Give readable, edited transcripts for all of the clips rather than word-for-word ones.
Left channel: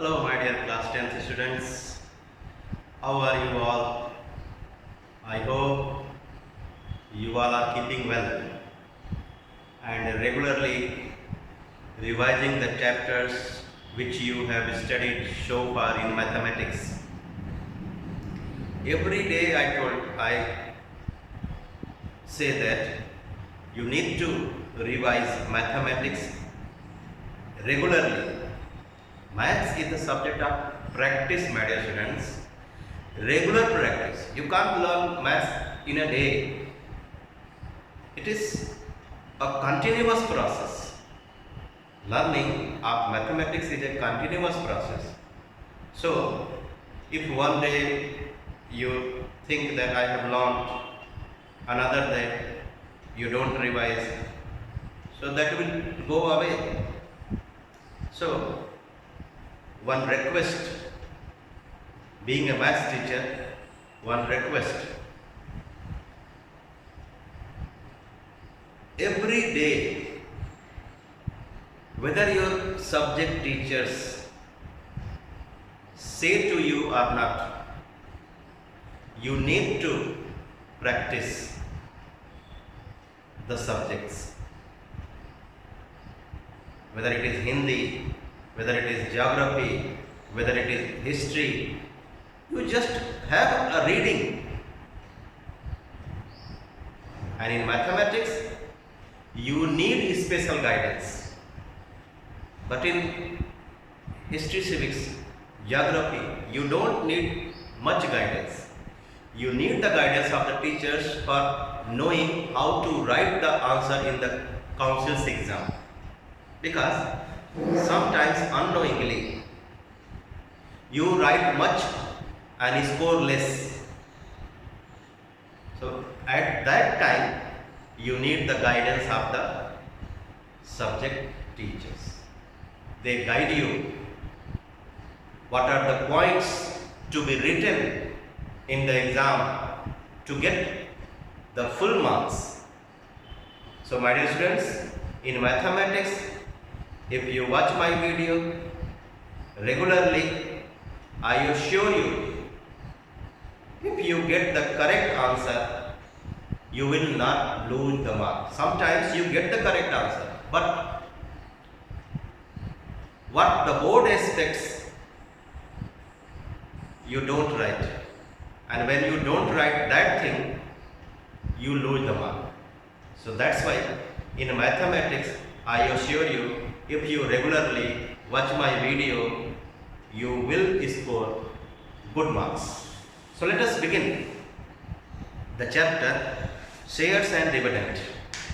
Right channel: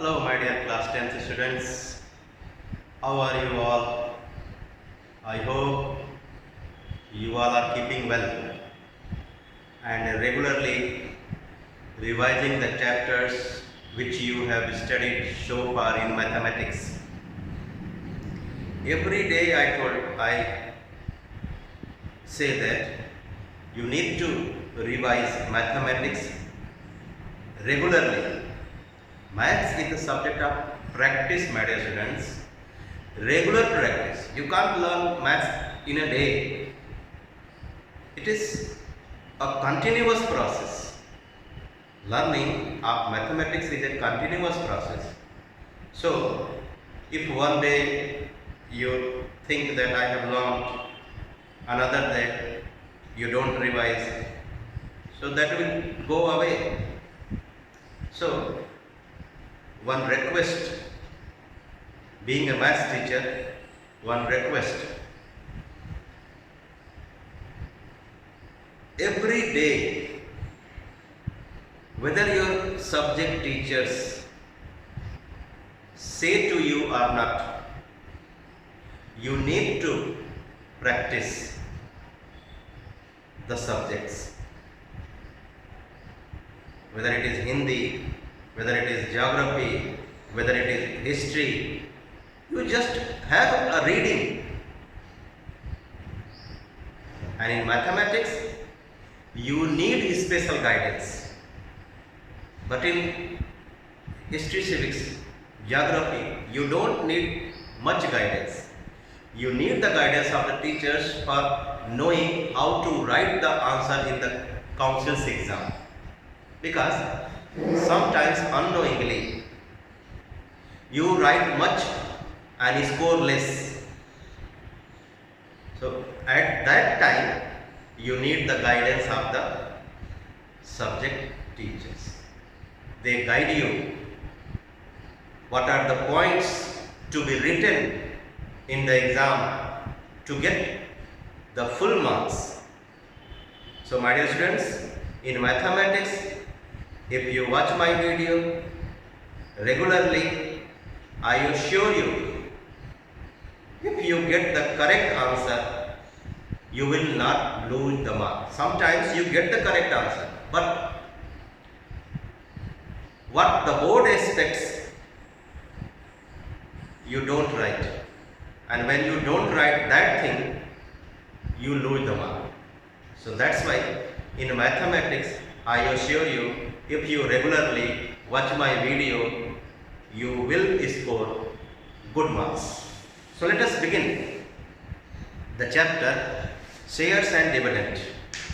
Hello, my dear class 10th students. How are you all? I hope you all are keeping well and regularly revising the chapters which you have studied so far in mathematics. Every day I say that you need to revise mathematics regularly. Maths is the subject of practice, my dear students. Regular practice. You can't learn maths in a day. It is a continuous process. Learning of mathematics is a continuous process. So, if one day you think that I have learned, another day you don't revise, so that will go away. So, one request, being a maths teacher, one request, every day, whether your subject teachers say to you or not, you need to practice the subjects. Whether it is Hindi, whether it is geography, whether it is history, you just have a reading. And in mathematics, you need special guidance. But in history, civics, geography, you don't need much guidance. You need the guidance of the teachers for knowing how to write the answer in the council's exam. Because sometimes unknowingly you write much and score less. So at that time you need the guidance of the subject teachers. They guide you. What are the points to be written in the exam to get the full marks? So my dear students, in mathematics, if you watch my video regularly, I assure you, if you get the correct answer, you will not lose the mark. Sometimes you get the correct answer, but what the board expects, you don't write. And when you don't write that thing, you lose the mark. So that's why in mathematics, I assure you, if you regularly watch my video, you will score good marks. So let us begin the chapter shares and dividend.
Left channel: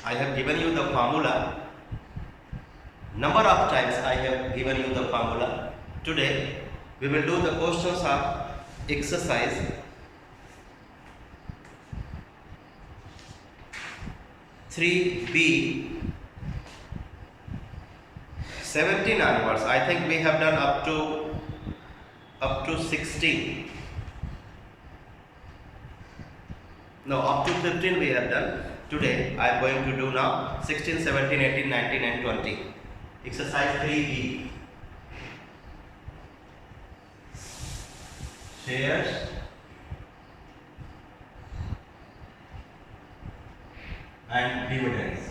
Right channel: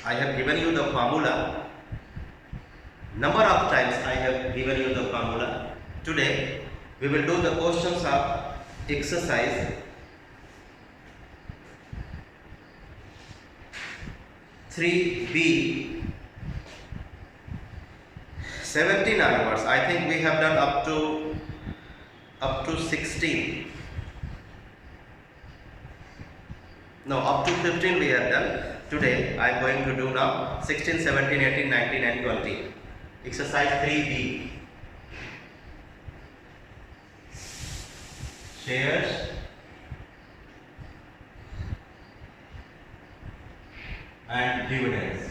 I have given you the formula. Number of times I have given you the formula. Today we will do the questions of exercise 3B 17 onwards. I think we have done up to 16. No, up to 15 we have done. Today I am going to do now 16, 17, 18, 19 and 20. Exercise 3B. Shares and dividends.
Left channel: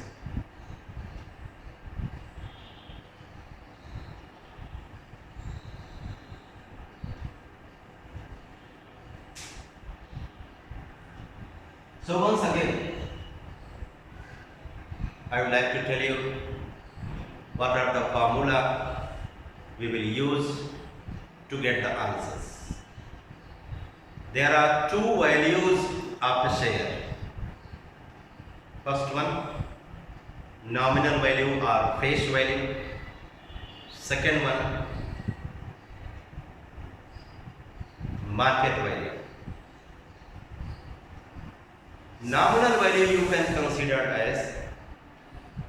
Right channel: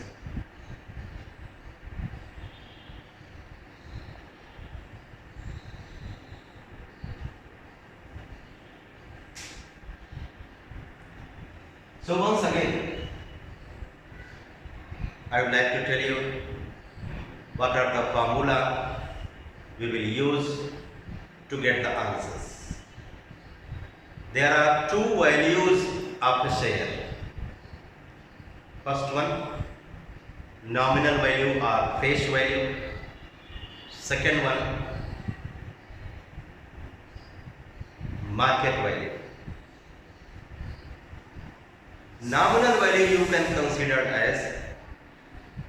So once again, I would like to tell you what are the formula we will use to get the answers. There are two values of a share. First one, nominal value or face value. Second one, market value. Nominal value you can consider as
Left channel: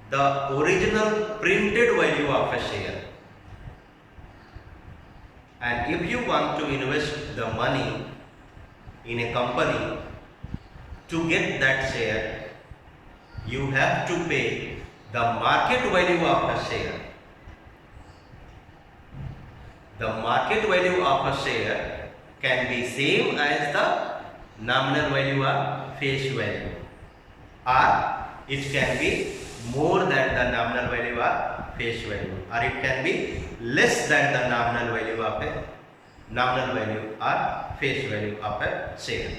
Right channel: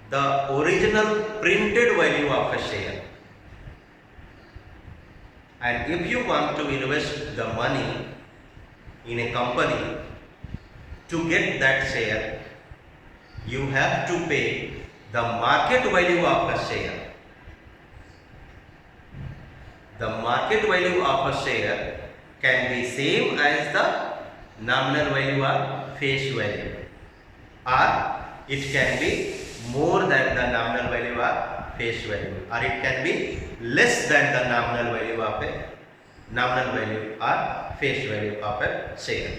the original printed value of a share. And if you want to invest the money in a company, to get that share, you have to pay the market value of a share. the market value of a share can be same as the nominal value or face value, or it can be more than the nominal value or face value, or it can be less than the nominal value or face value of a share.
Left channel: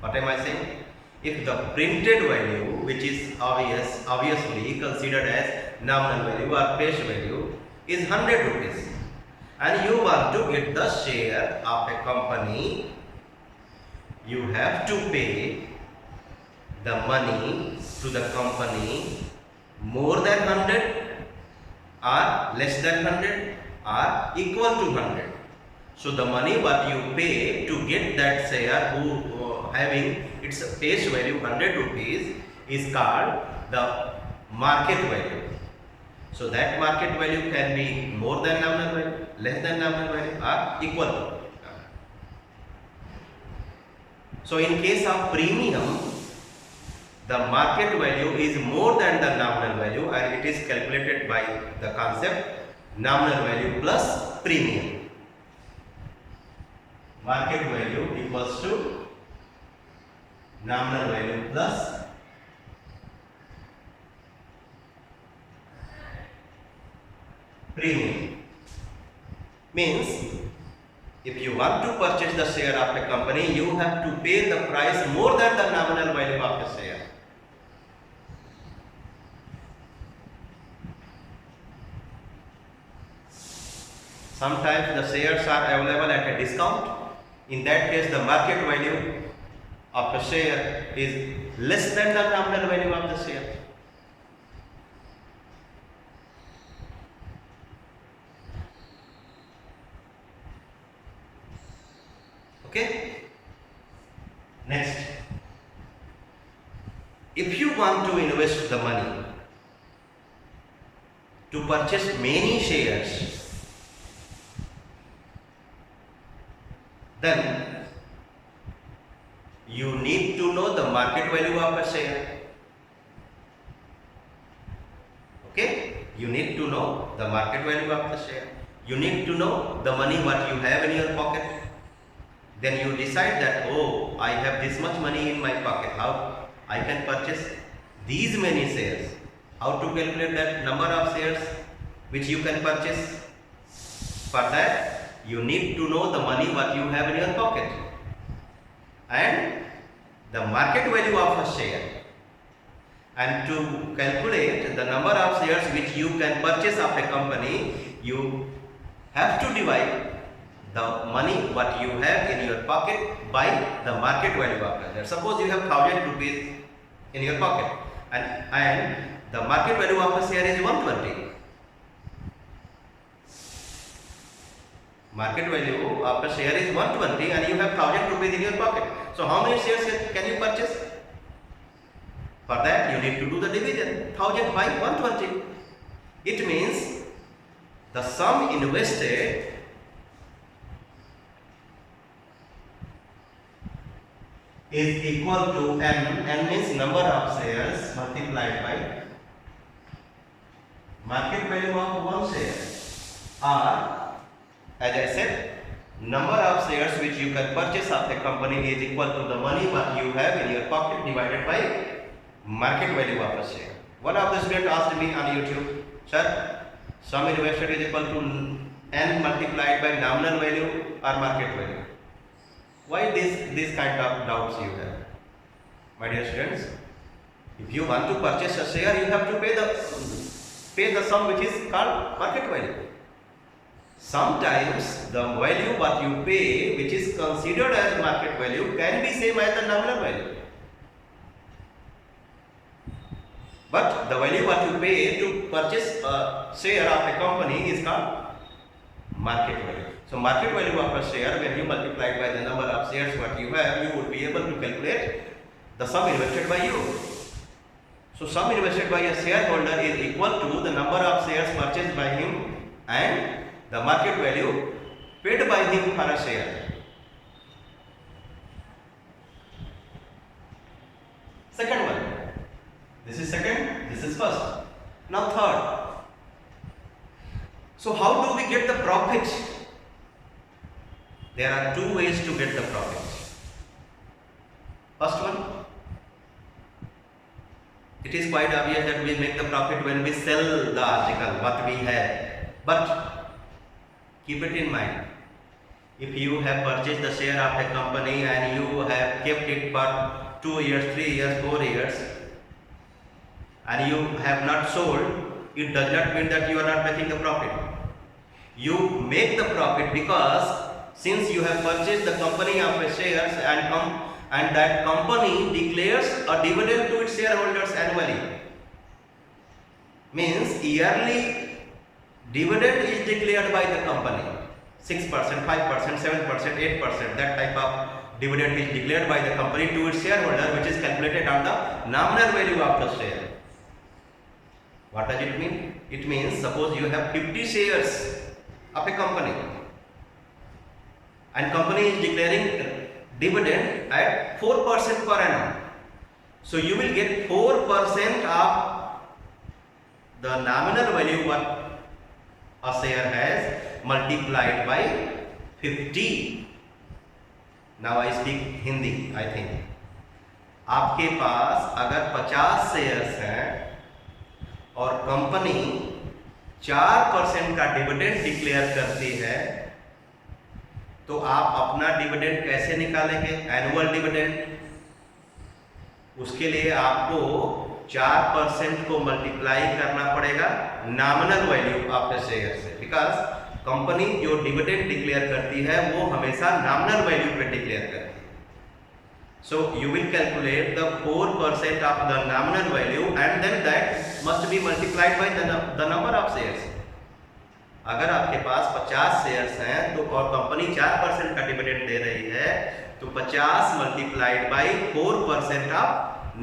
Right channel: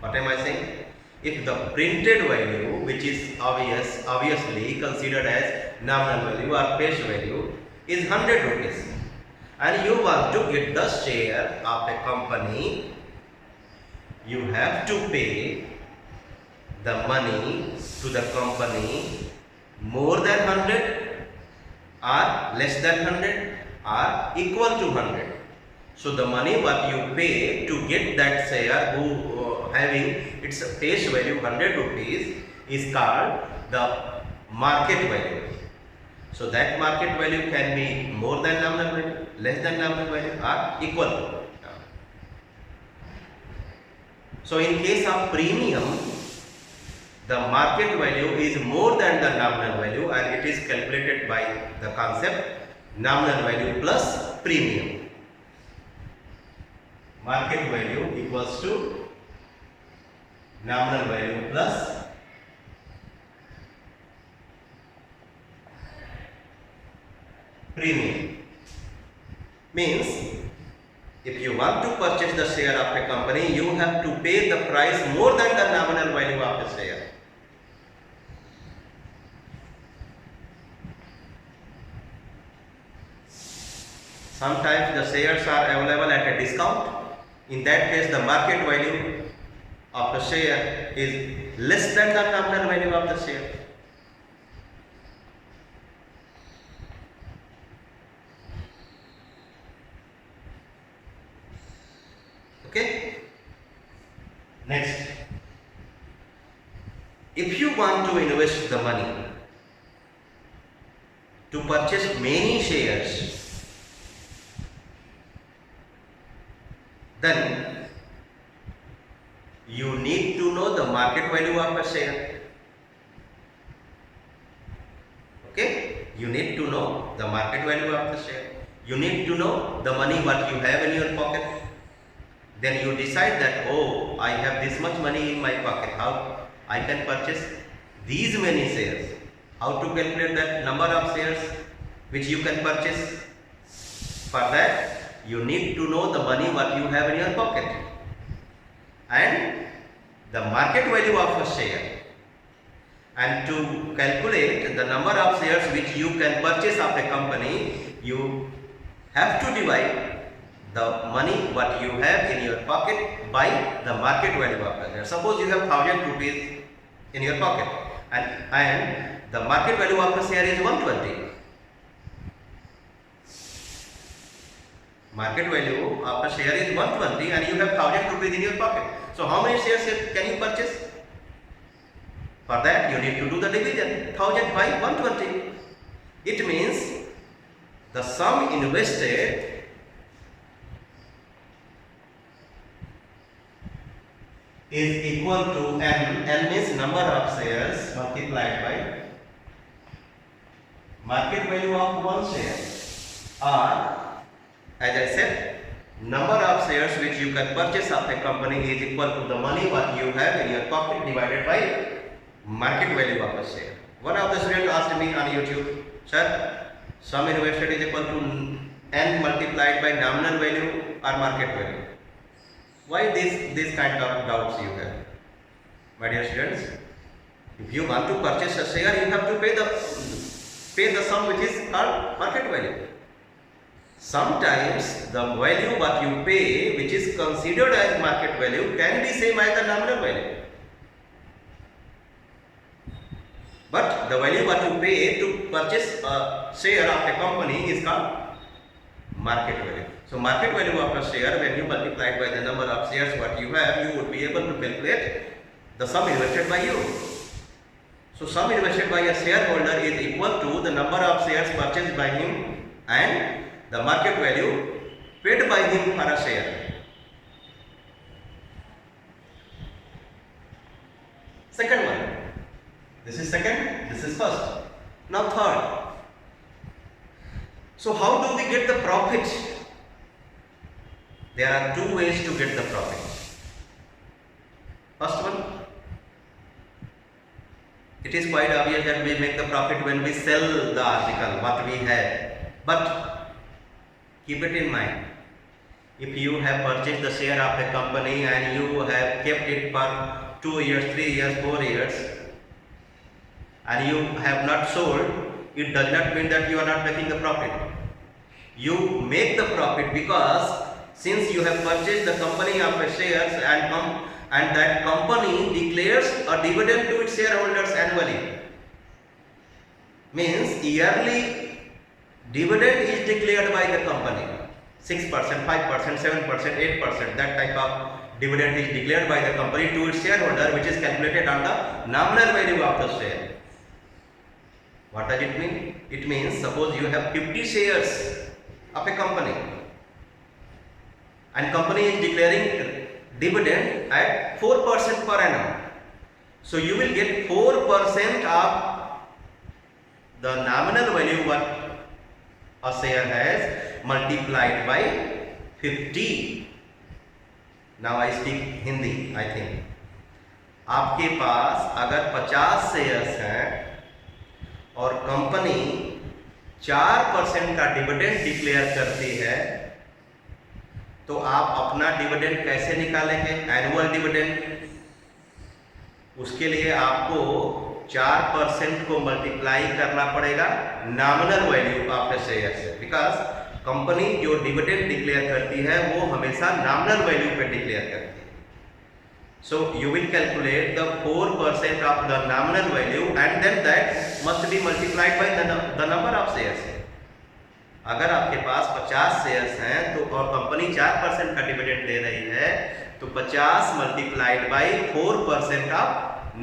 What am I saying? If the printed value, which is obviously considered as nominal value or face value, is 100 rupees, and you want to get the share of a company, you have to pay the money to the company more than 100 or less than 100 or equal to 100. So the money what you pay to get that share having its face value 100 rupees is called the market value. So that market value can be more than nominal value, less than nominal value, or equal to. So in case of premium, the market value is more than the nominal value, and it is calculated by the concept nominal value plus premium. Market value equals to nominal value plus premium. Means, if you want to purchase the share of a company, you have to pay the price more than the nominal value of the share. Sometimes the shares are available at a discount. In that case, the market value of the share is less than the nominal value of the share. Okay? Next, if you want to invest the money to purchase many shares, then you need to know the market value of a share. Okay? You need to know the market value of the share. You need to know the money what you have in your pocket. Then you decide that, oh, I have this much money in my pocket, how I can purchase these many shares. How to calculate that number of shares which you can purchase? For that, you need to know the money what you have in your pocket and the market value of a share. And to calculate the number of shares which you can purchase of a company, you have to divide the money what you have in your pocket by the market value of a share. Suppose you have 1000 rupees in your pocket and the market value of a share is 120. Market value of a share is 120 and you have 1000 rupees in your pocket. So how many shares can you purchase? For that you need to do the division, 1000 by 120. It means the sum invested is equal to n means number of shares multiplied by market value of one share, or as I said, number of shares which you can purchase of a company is equal to the money what you have in your pocket divided by market value of a share. One of the students asked me on YouTube, sir, sum invested is equal to n multiplied by nominal value or market value. Why this kind of doubts you have? My dear students, if you want to purchase a share, you have to pay the sum which is called market value. Sometimes the value what you pay, which is considered as market value, can be same as the nominal value. But the value what you pay to purchase a share of a company is called market value. So market value of a share, when you multiply it by the number of shares what you have, you would be able to calculate the sum invested by you. So sum invested by a shareholder is equal to the number of shares purchased by him and the market value paid by him for a share. Second one. This is second, this is first. Now third. So how do we get the profit There are two ways to get the profit. First one, it is quite obvious that we make the profit when we sell the article, what we have. But keep it in mind, if you have purchased the share of a company and you have kept it for 2 years, 3 years, 4 years, and you have not sold, it does not mean that you are not making the profit. You make the profit because since you have purchased the company of a shares and that company declares a dividend to its shareholders annually. Means yearly dividend is declared by the company. 6%, 5%, 7%, 8%, that type of dividend is declared by the company to its shareholder, which is calculated on the nominal value of the share. What does it mean? It means suppose you have 50 shares of a company and company is declaring dividend at 4% per annum. So you will get 4% of the nominal value what a share has multiplied by 50. Now I speak Hindi, I think. आपके पास अगर 50 shares हैं और company 4% का dividend declare करती है, तो आप अपना डिविडेंड कैसे निकालेंगे? Annual dividend. उसके लिए आपको 4% को मल्टीप्लाई करना पड़ेगा nominal value of the share से, बिकॉज कंपनी जो डिविडेंड डिक्लेयर करती है वो हमेशा नॉमिनल वैल्यू पे डिक्लेयर करती है. So you will calculate the 4% of the nominal value and then that must be multiplied by the number of shares. अगर आपके पास 50 शेयर्स हैं तो और कंपनी 4% का डिविडेंड दे रही है तो 50 multiplied by 4% of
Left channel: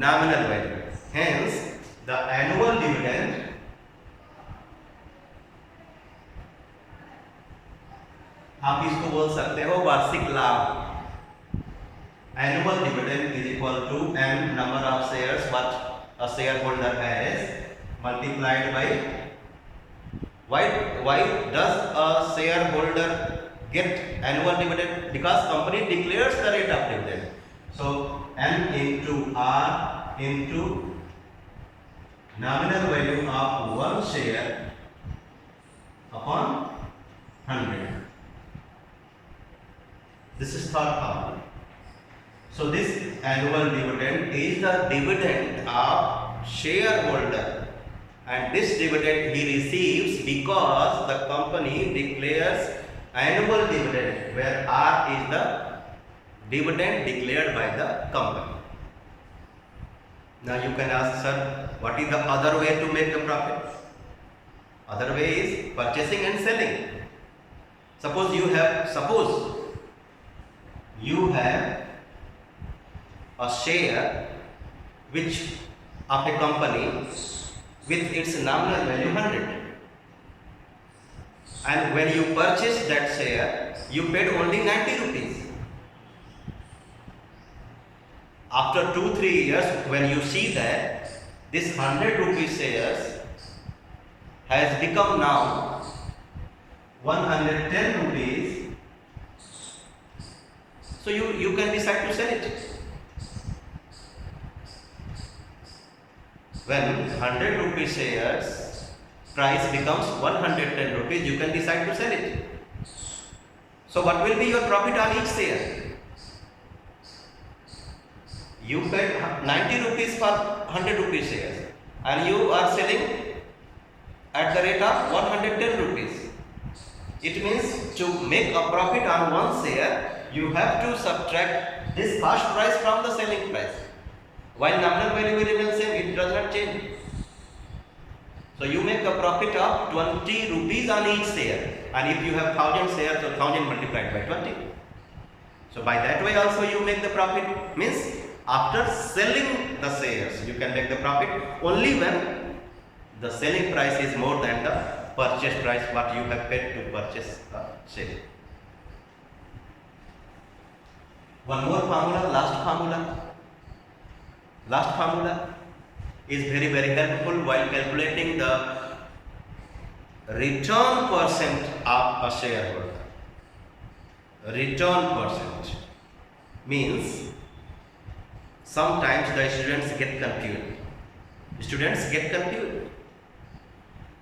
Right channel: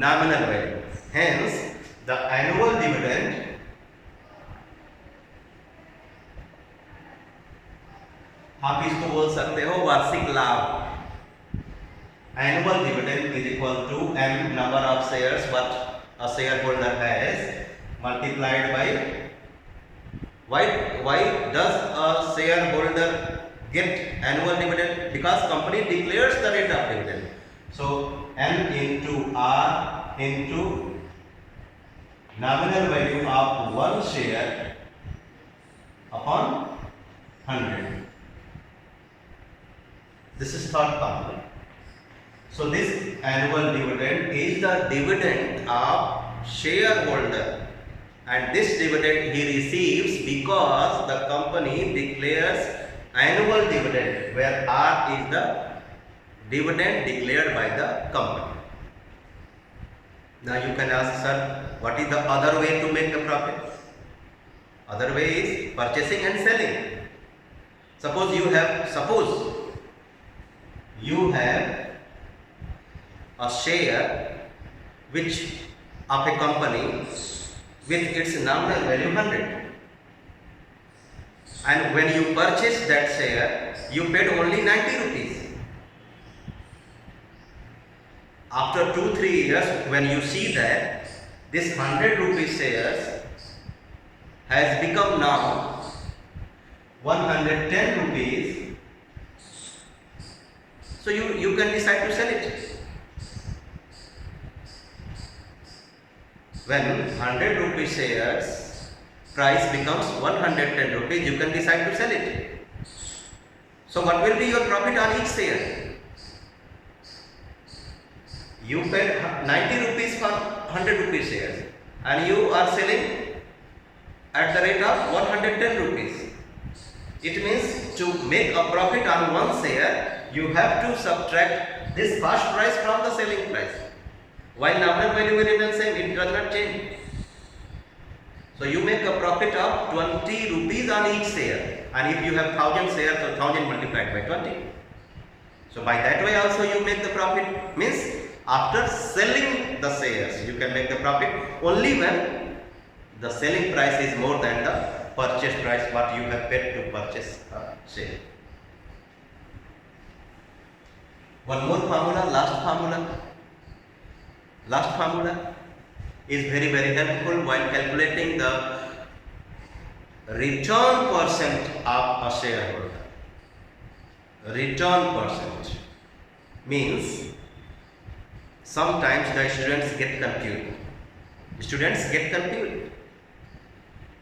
nominal value. Hence the annual dividend आप इसको बोल सकते हो वार्षिक लाभ. Annual dividend is equal to m number of shares what a shareholder has multiplied by why does a shareholder get annual dividend? Because company declares the rate of dividend. So n into r into nominal value of one share upon 100. This is third formula. So this annual dividend is the dividend of shareholder, and this dividend he receives because the company declares annual dividend, where R is the dividend declared by the company. Now you can ask, sir, what is the other way to make the profit? Other way is purchasing and selling. Suppose you have a share which of a company with its nominal value 100, and when you purchase that share you paid only 90 rupees. After 2-3 years when you see that this 100 rupees shares has become now 110 rupees, so you can decide to sell it. When 100 rupees shares price becomes 110 rupees, you can decide to sell it. So what will be your profit on each share? You paid 90 rupees for 100 rupees shares and you are selling at the rate of 110 rupees. It means to make a profit on one share, you have to subtract this first price from the selling price. While nominal value will remain same, it does not change. So you make a profit of 20 rupees on each share, and if you have 1000 shares, so 1000 multiplied by 20. So by that way also you make the profit. Means after selling the shares you can make the profit only when the selling price is more than the purchase price what you have paid to purchase a share. One more formula, last formula is very helpful while calculating the return percent of a shareholder. return percent means sometimes the students get confused.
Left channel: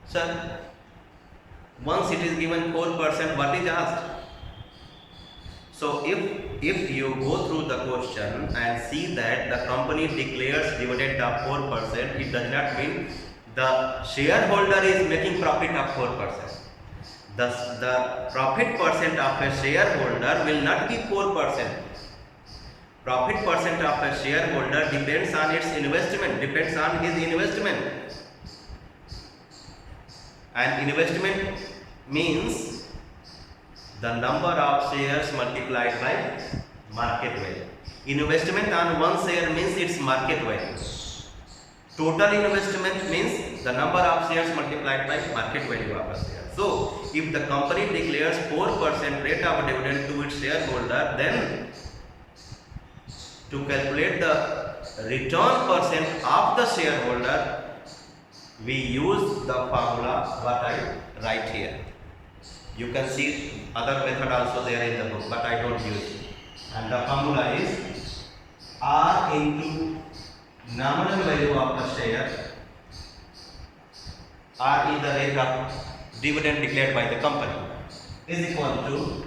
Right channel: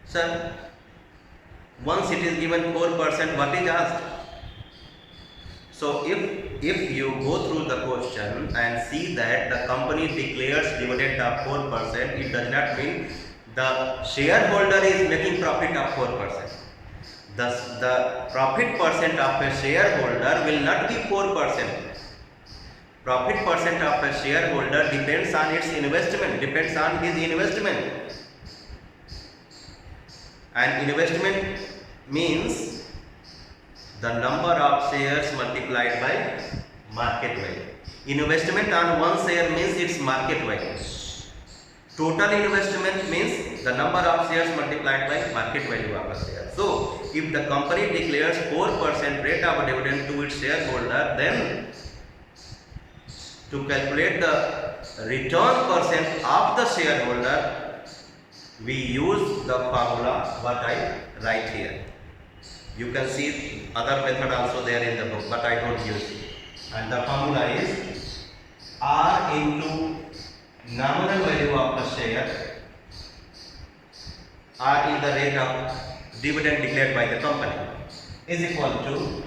Sir, once it is given 4%, what is asked? So if you go through the question and see that the company declares dividend of 4%, it does not mean the shareholder is making profit of 4%. Thus, the profit percent of a shareholder will not be 4%. Profit percent of a shareholder depends on its investment, depends on his investment. And investment means the number of shares multiplied by market value. Investment on one share means its market value. Total investment means the number of shares multiplied by market value of a share. So, if the company declares 4% rate of dividend to its shareholder, then to calculate the return percent of the shareholder, we use the formula what I write here. You can see other method also there in the book, but I don't use it. And the formula is R into nominal value of the share. R is the rate of dividend declared by the company, is equal to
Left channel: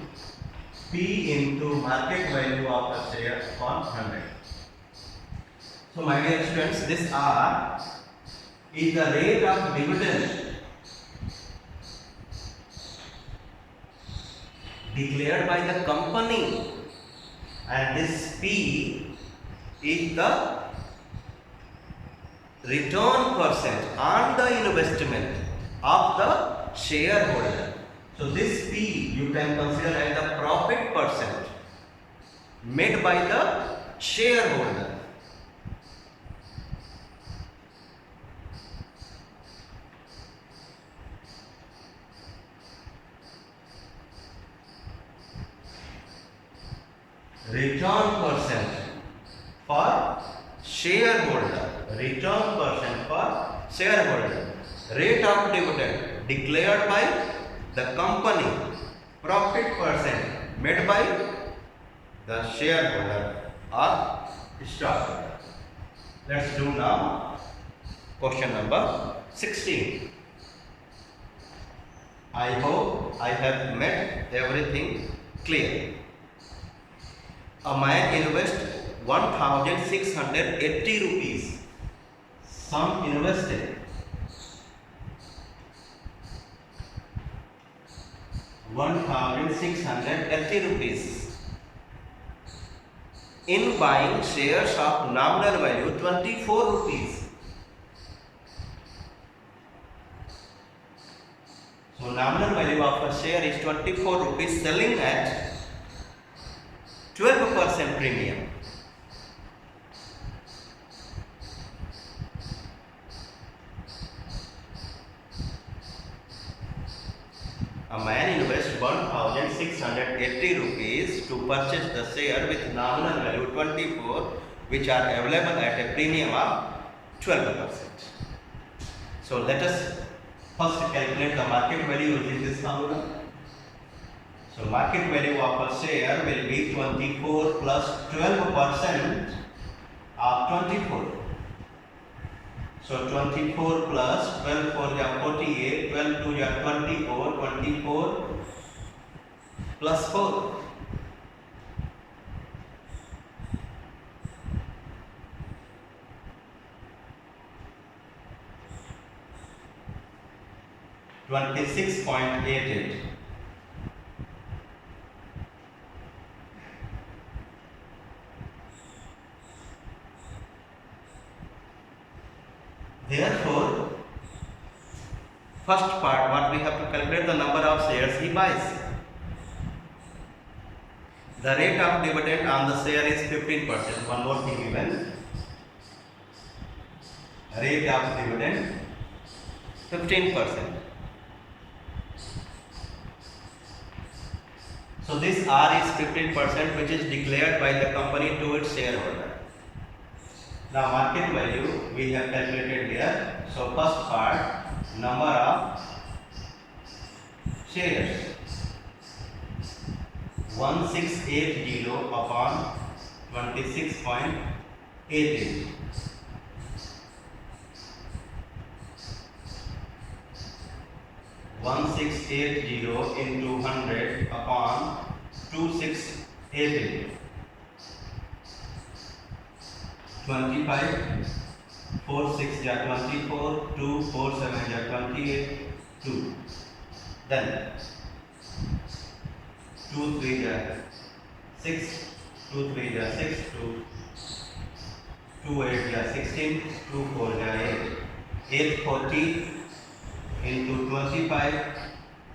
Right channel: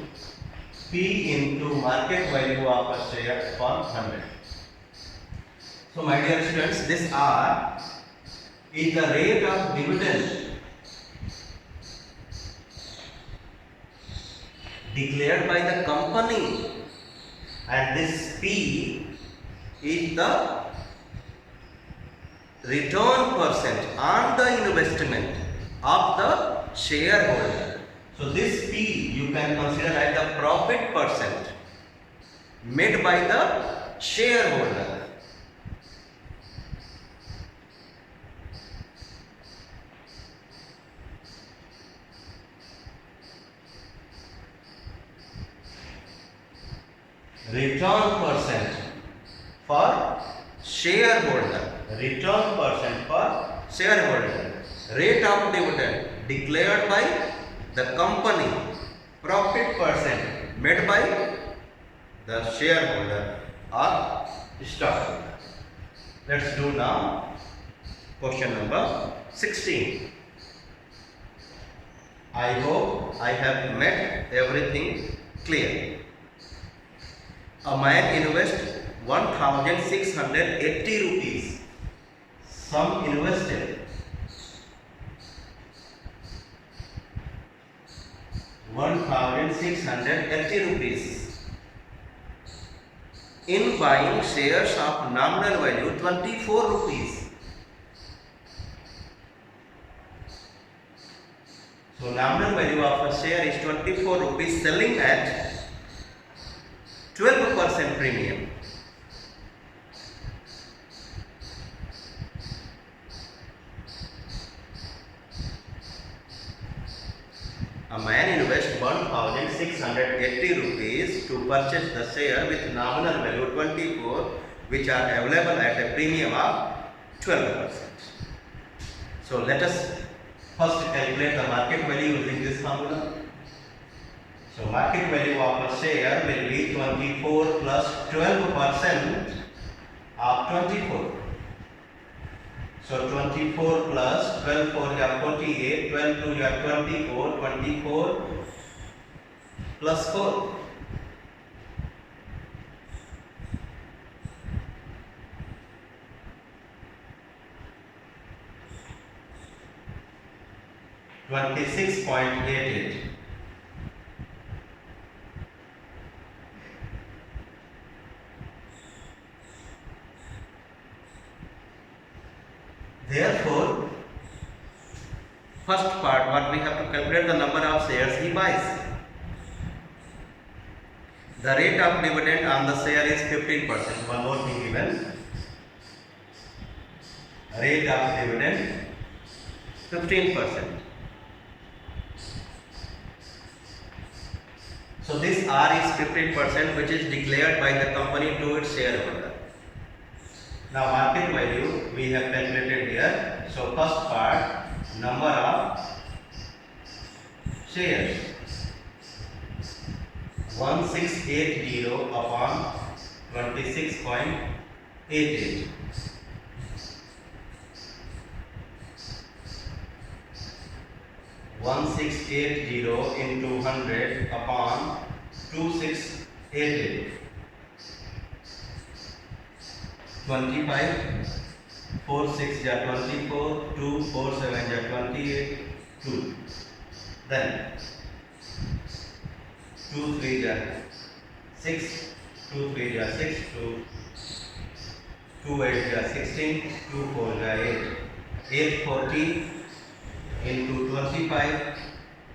P into market value of a share upon 100. So my dear students, this R is the rate of dividend declared by the company, and this P is the return percent on the investment of the shareholder. So this P you can consider as the profit percent made by the shareholder. Return percent for shareholder. Return percent for shareholder. Rate of dividend declared by the company. Profit percent made by the shareholder or stockholder. Let's do now question number 16. I hope I have made everything clear. A man invests 1,680 rupees. Sum invested 1,680 rupees in buying shares of nominal value 24 rupees. So nominal value of a share is 24 rupees, selling at 12% premium. A man invests 1,680 rupees to purchase the share with nominal value 24, which are available at a premium of 12%. So let us first calculate the market value using this formula. So market value of a share will be 24 plus 12% of 24. So 24 plus 12 for your 48, 12 to your 24, 24 plus 4. $26.88. Therefore, first part, what we have to calculate the number of shares he buys. The rate of dividend on the share is 15%. One more thing given. Rate of dividend 15%. So this R is 15%, which is declared by the company to its shareholder. Now market value we have calculated here. So first part, number of shares 1680 upon 26.88. 1680 into 100 upon 2688. 25, 4 6 ja 24, 2 4 7 ja 28, 2. Then 2 3 ja 6, 2 3 ja 6, 2 8 ja 16, 2 4 ja 8. 840 into 25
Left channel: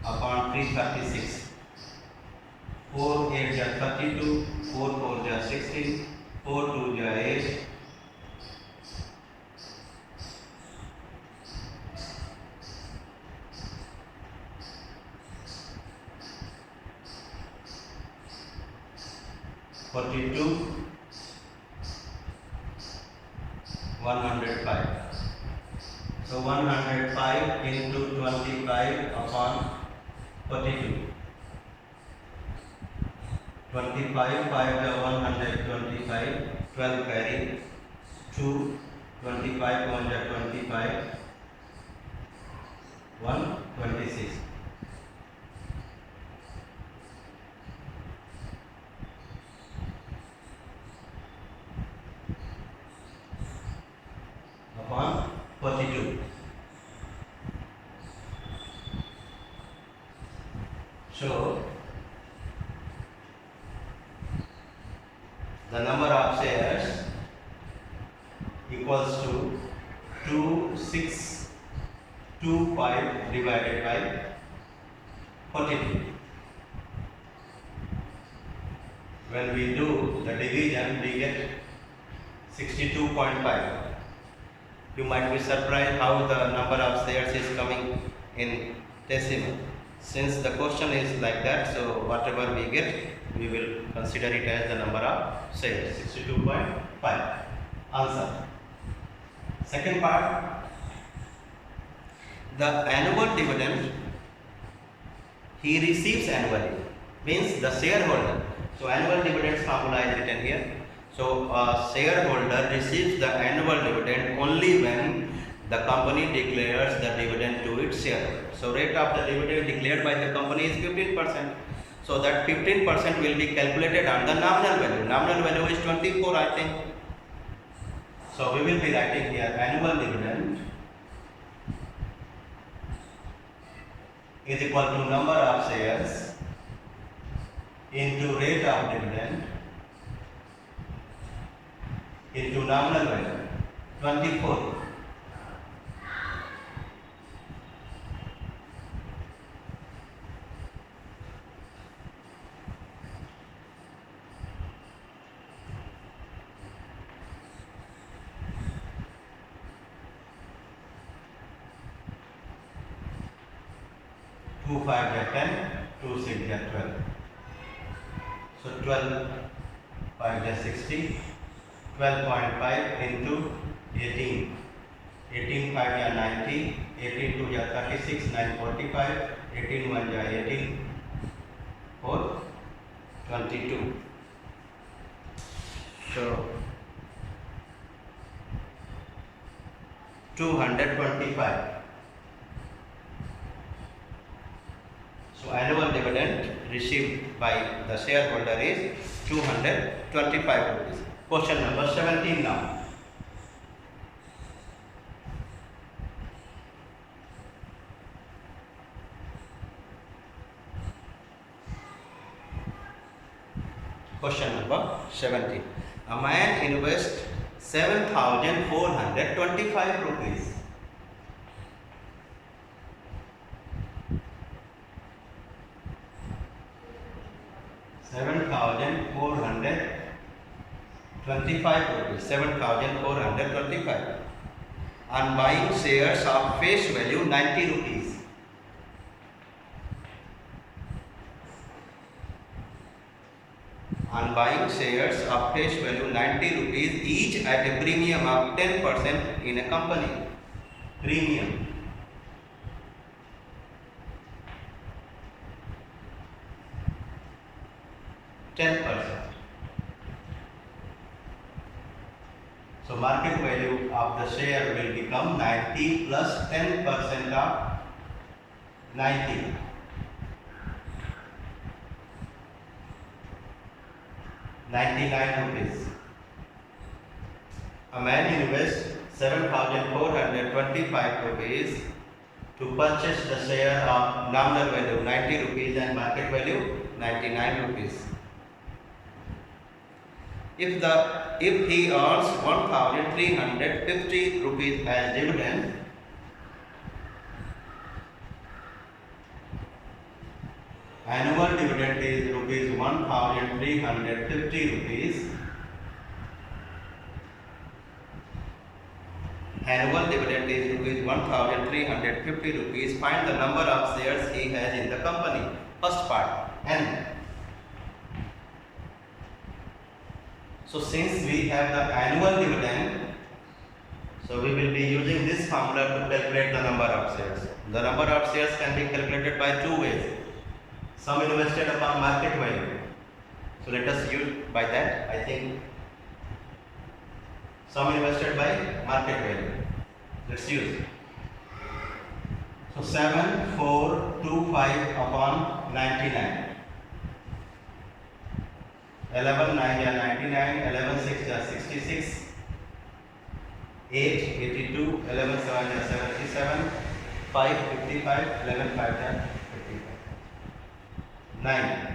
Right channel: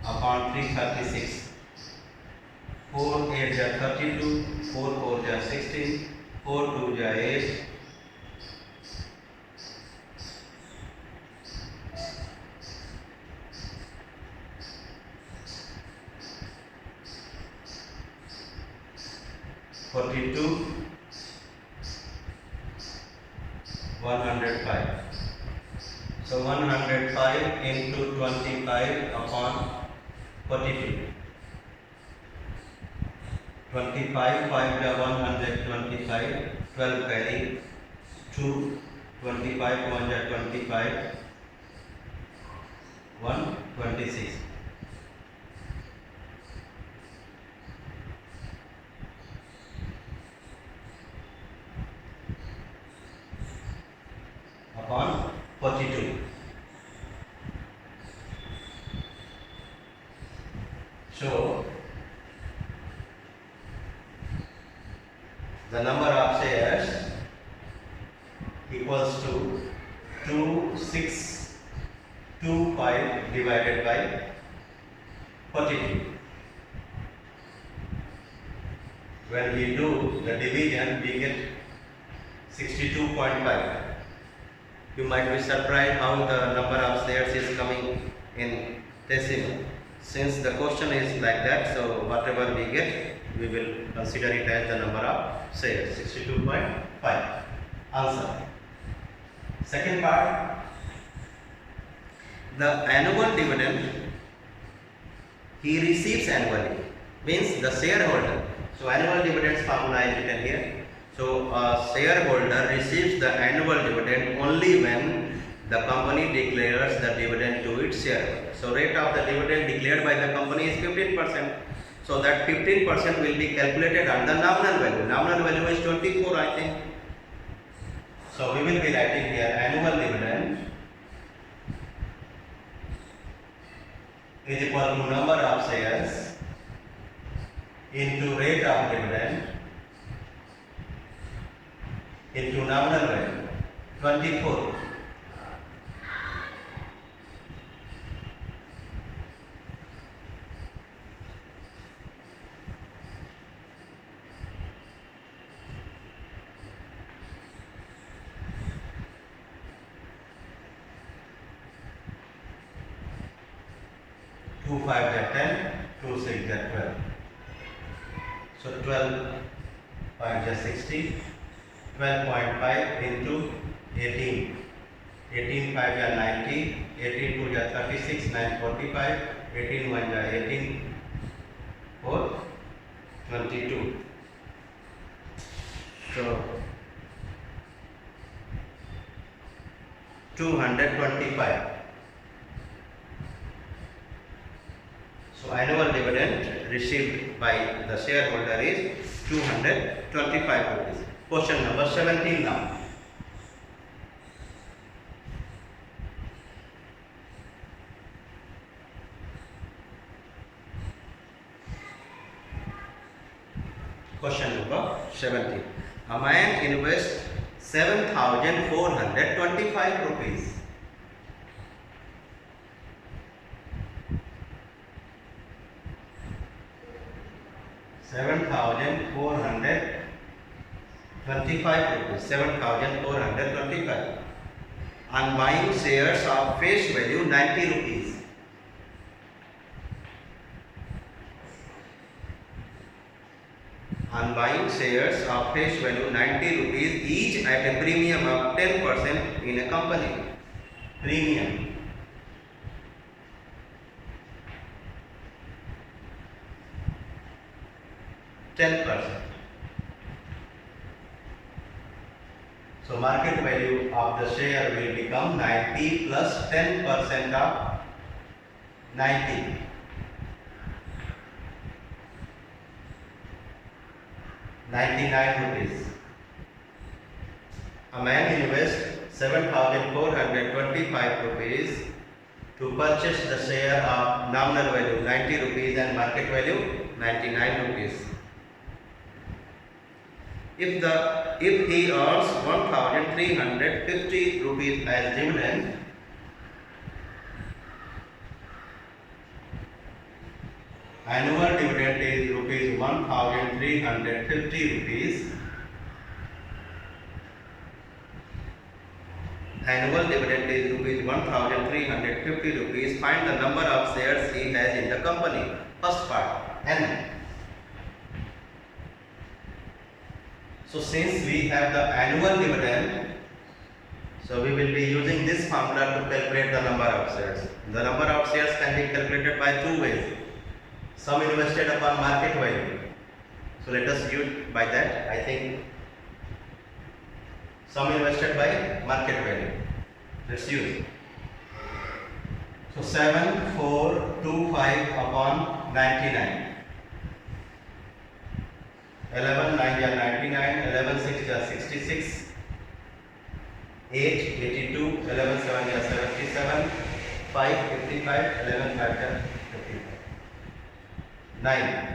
upon 336. 4 8 ja 32, 4 4 ja 16, 4 2 ja 8. 42, 105. So 105 into 25 upon 42. 25 5 ja 125, 12 carry 2, 25 1 ja 25, 126. Upon 42. So the number of shares equals to 2625 divided by 42. When we do the division, we get 62.5. You might be surprised how the number of shares is coming in decimal. Since the question is like that, so whatever we get, we will consider it as the number of shares, 62.5. Answer. Second part, the annual dividend he receives annually, means the shareholder. So annual dividends formula is written here. So a shareholder receives the annual dividend only when the company declares the dividend to its shareholder. So rate of the dividend declared by the company is 15%. So that 15% will be calculated on the nominal value. Nominal value is 24, I think. So we will be writing here annual dividend is equal to number of shares into rate of dividend into nominal value 24. Two 5 is 10, 2 6 is 12. So 12 5 is 60. 12.5 into 18. 18 5 is 90. 18 2 is 36. 9 45. 18 1 is 18. 4 22. So 225. So annual dividend received by the shareholder is 225 rupees. Question number 17 now. Question number 17. A man invests 7,425 rupees. $7,425 on buying shares of face value 90 rupees. On buying shares of face value 90 rupees each at a premium of 10% in a company. Premium. 10%. So market value of the share will become 90 plus 10% of 90. 99 rupees. A man invests 7,425 rupees to purchase the share of nominal value 90 rupees and market value 99 rupees. If he earns 1,350 rupees as dividend, annual dividend is rupees 1,350 rupees. Annual dividend is rupees 1,350 rupees. Find the number of shares he has in the company. First part, N. So since we have the annual dividend, so we will be using this formula to calculate the number of shares. The number of shares can be calculated by two ways. Sum invested upon market value. So let us use by that. I think sum invested by market value. Let's use. So 7,425 upon 99. 11 9 are 99, 11 6 are 66, 8 82, 11 7 are 77, 5 55, 11 5 are 55. 9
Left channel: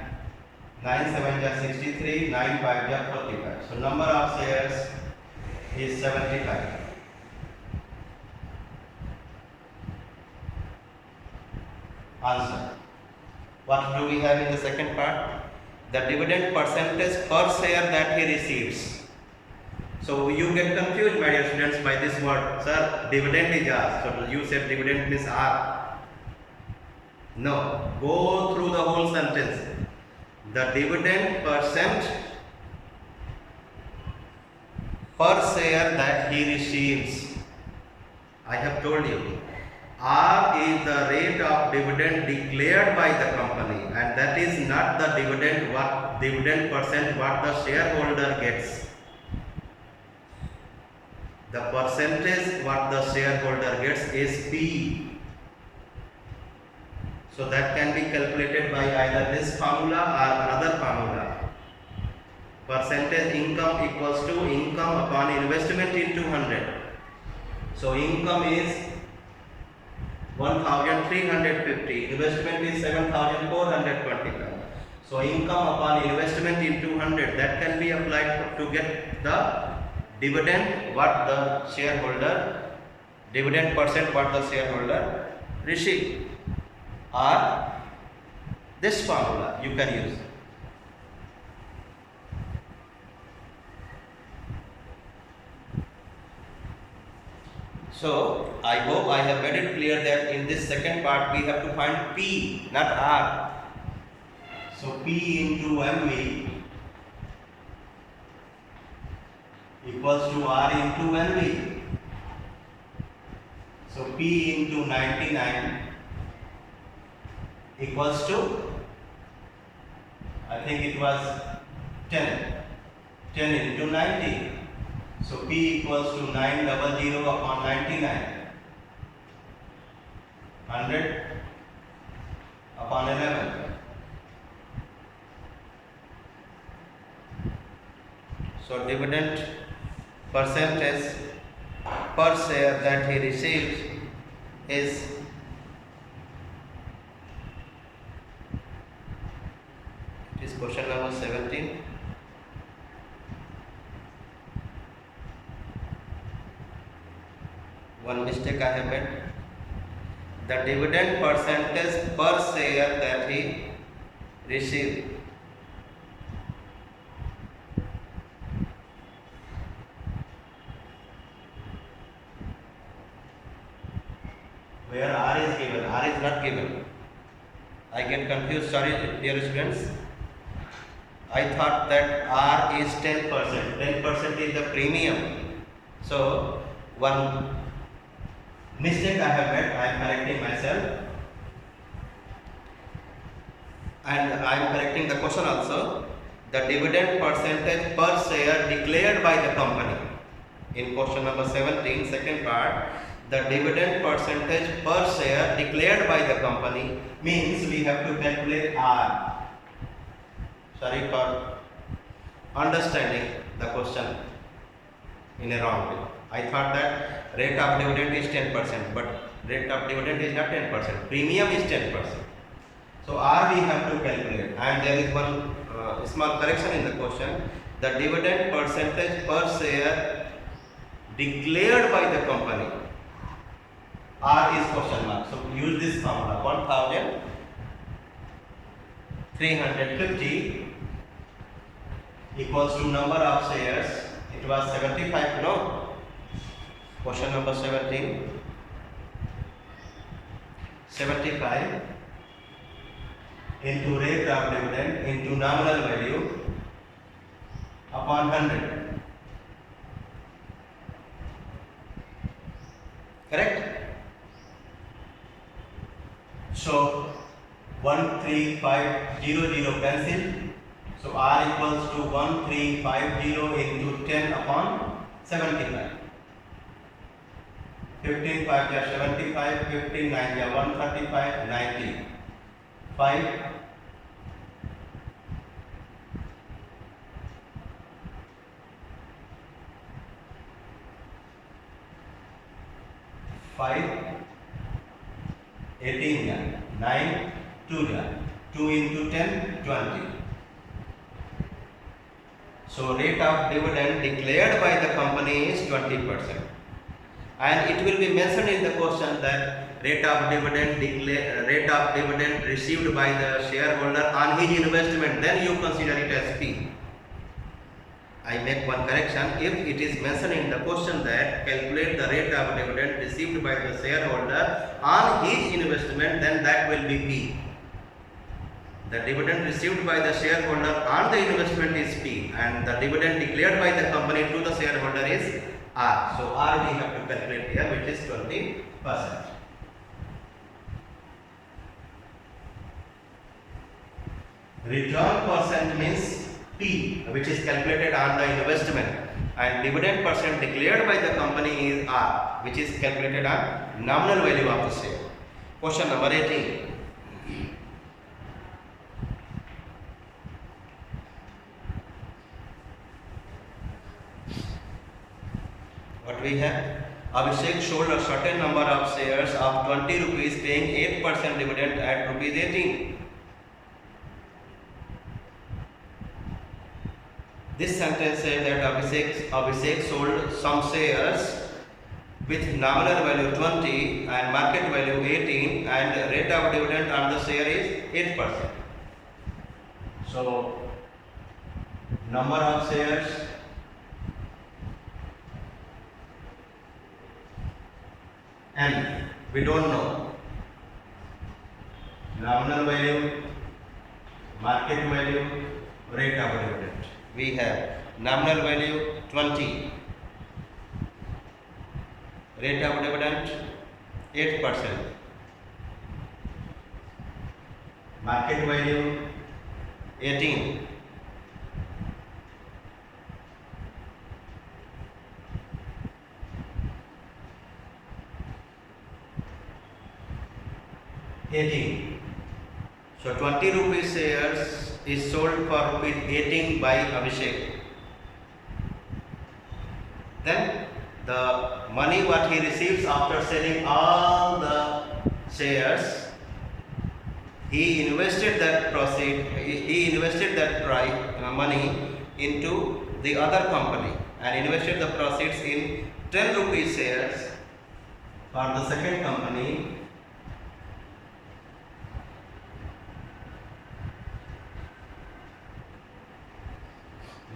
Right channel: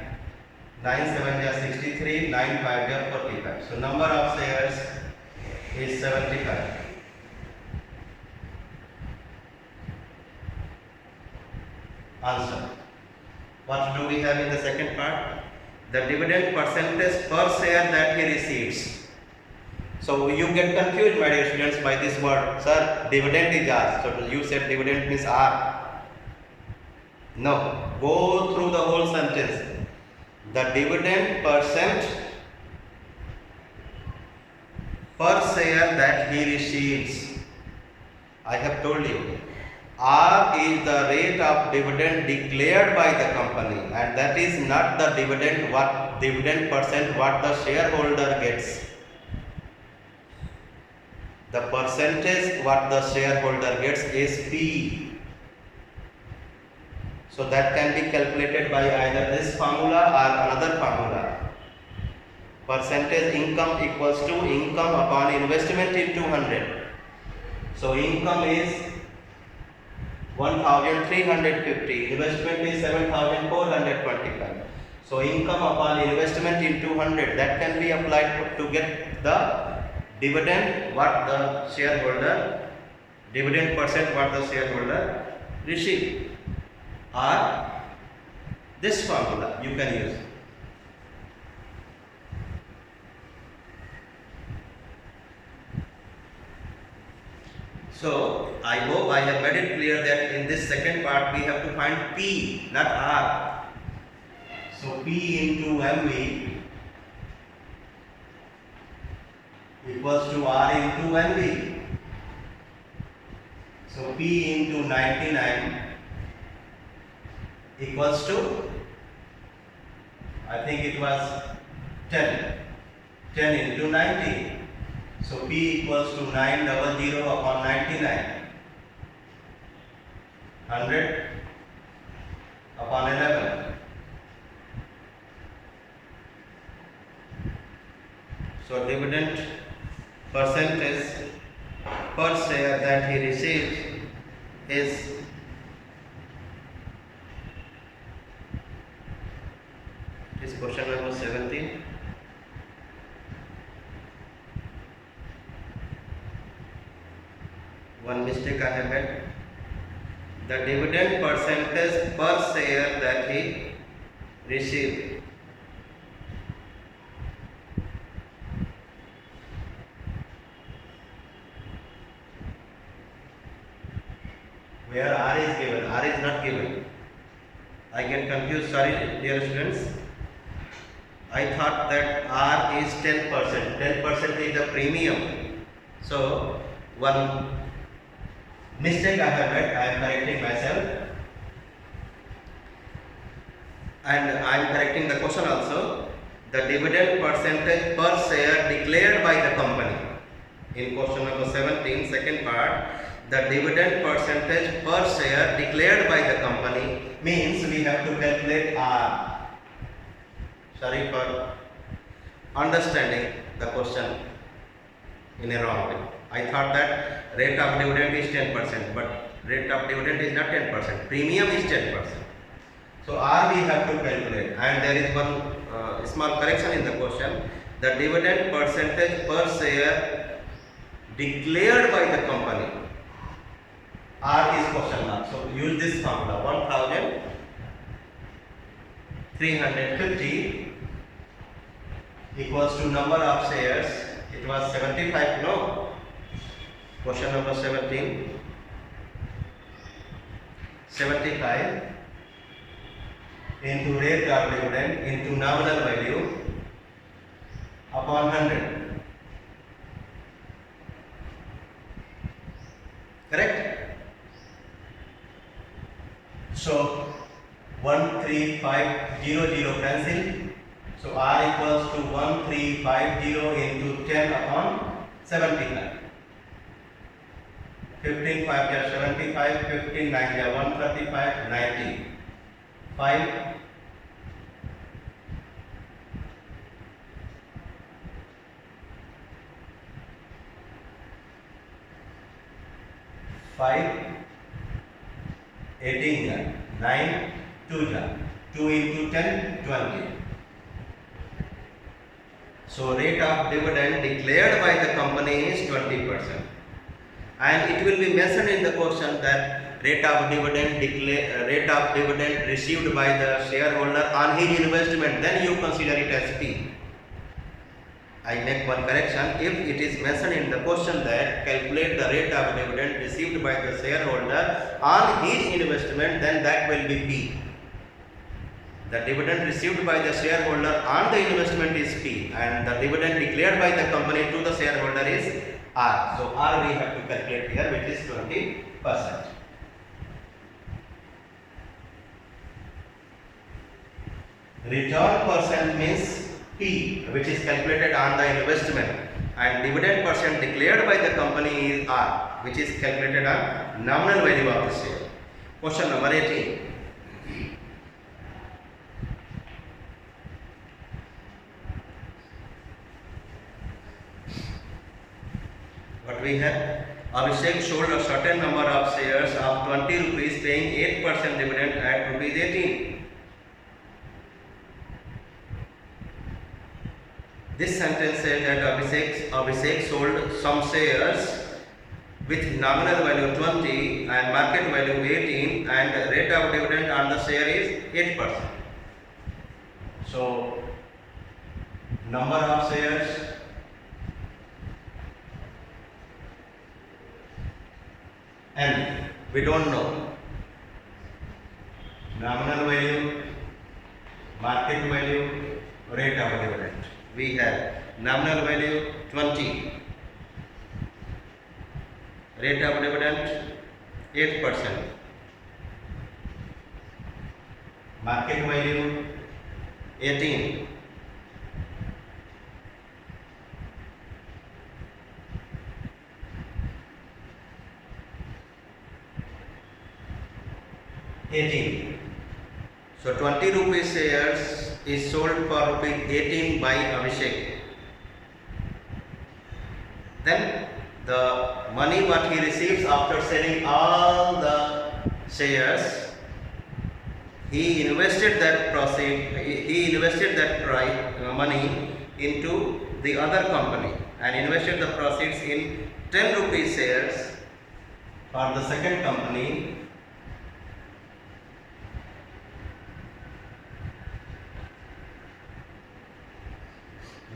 7 are 63, 9 5 are 45. So number of shares is 75. Answer. What do we have in the second part? The dividend percentage per share that he receives. So you get confused, my dear students, by this word. Sir, dividend is R. So you said dividend means R. No. Go through the whole sentence. The dividend percent per share that he receives. I have told you. R is the rate of dividend declared by the company, and that is not the dividend percent what the shareholder gets. The percentage what the shareholder gets is P. So that can be calculated by either this formula or another formula. Percentage income equals to income upon investment into 100. So income is 1,350, investment is 7,425. So income upon investment into 100, that can be applied to get the dividend what the shareholder, dividend percent what the shareholder receive, or this formula you can use. So I hope I have made it clear that in this second part we have to find P, not R. So P into MV equals to R into NV. So P into 99 equals to, I think it was 10. 10 into 90. So P equals to 900 upon 99. 100 upon 11. So dividend percentage per share that he received is question number 17. One mistake I have made. The dividend percentage per share that he received. Where R is given, R is not given. I get confused, sorry dear students. I thought that R is 10%. 10% is the premium. So one mistake I have made, I am correcting myself. And I am correcting the question also. the dividend percentage per share declared by the company. In question number 17, second part, the dividend percentage per share declared by the company means we have to calculate R. Sorry for understanding the question in a wrong way. I thought that rate of dividend is 10%, but rate of dividend is not 10%. Premium is 10%. So R we have to calculate, and there is one small correction in the question. The dividend percentage per share declared by the company. R is question mark. So use this formula. 1350 equals to number of shares. It was 75, no? Question number 17. 75 into rate of dividend into nominal value upon 100. Correct? So 13500 cancel. So R equals to 1350 into 10 upon 75. 15 5 is 75, 15 9 is 135, 90. 5 18 ja, 9 2 ja, 2 into 10 20. So rate of dividend declared by the company is 20%, and it will be mentioned in the question that rate of dividend received by the shareholder on his investment, then you consider it as P. I make one correction. If it is mentioned in the question that calculate the rate of dividend received by the shareholder on his investment, then that will be P. The dividend received by the shareholder on the investment is P, and the dividend declared by the company to the shareholder is R. So R we have to calculate here, which is 20%. Return percent means P, which is calculated on the investment, and dividend percent declared by the company is R, which is calculated on nominal value of the share. Question number 18. What we have? Abhishek sold a certain number of shares of 20 rupees, paying 8% dividend at rupees 18. This sentence says that Abhishek sold some shares with nominal value 20 and market value 18, and rate of dividend on the share is 8%. So number of shares and we don't know. Nominal value, market value, rate of dividend. We have nominal value 20, rate of dividend 8%, market value 18, So 20 rupees shares is sold for rupees 18 by Abhishek. Then the money what he receives after selling all the shares, he invested that money into the other company and invested the proceeds in 10 rupees shares for the second company.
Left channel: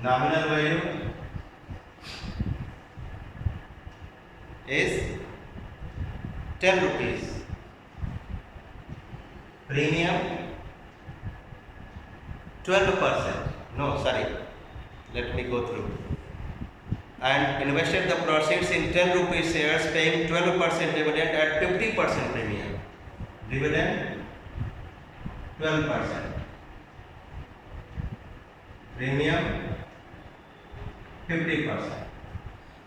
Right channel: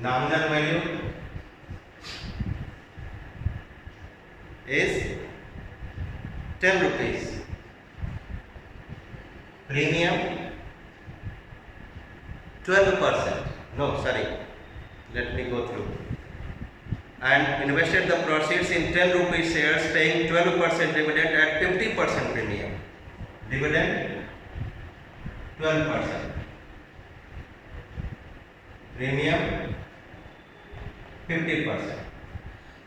Nominal value is 10 rupees. Premium 12%. No, sorry. Let me go through. And invested the proceeds in 10 rupees shares, paying 12% dividend at 50% premium. Dividend 12%. premium 50%.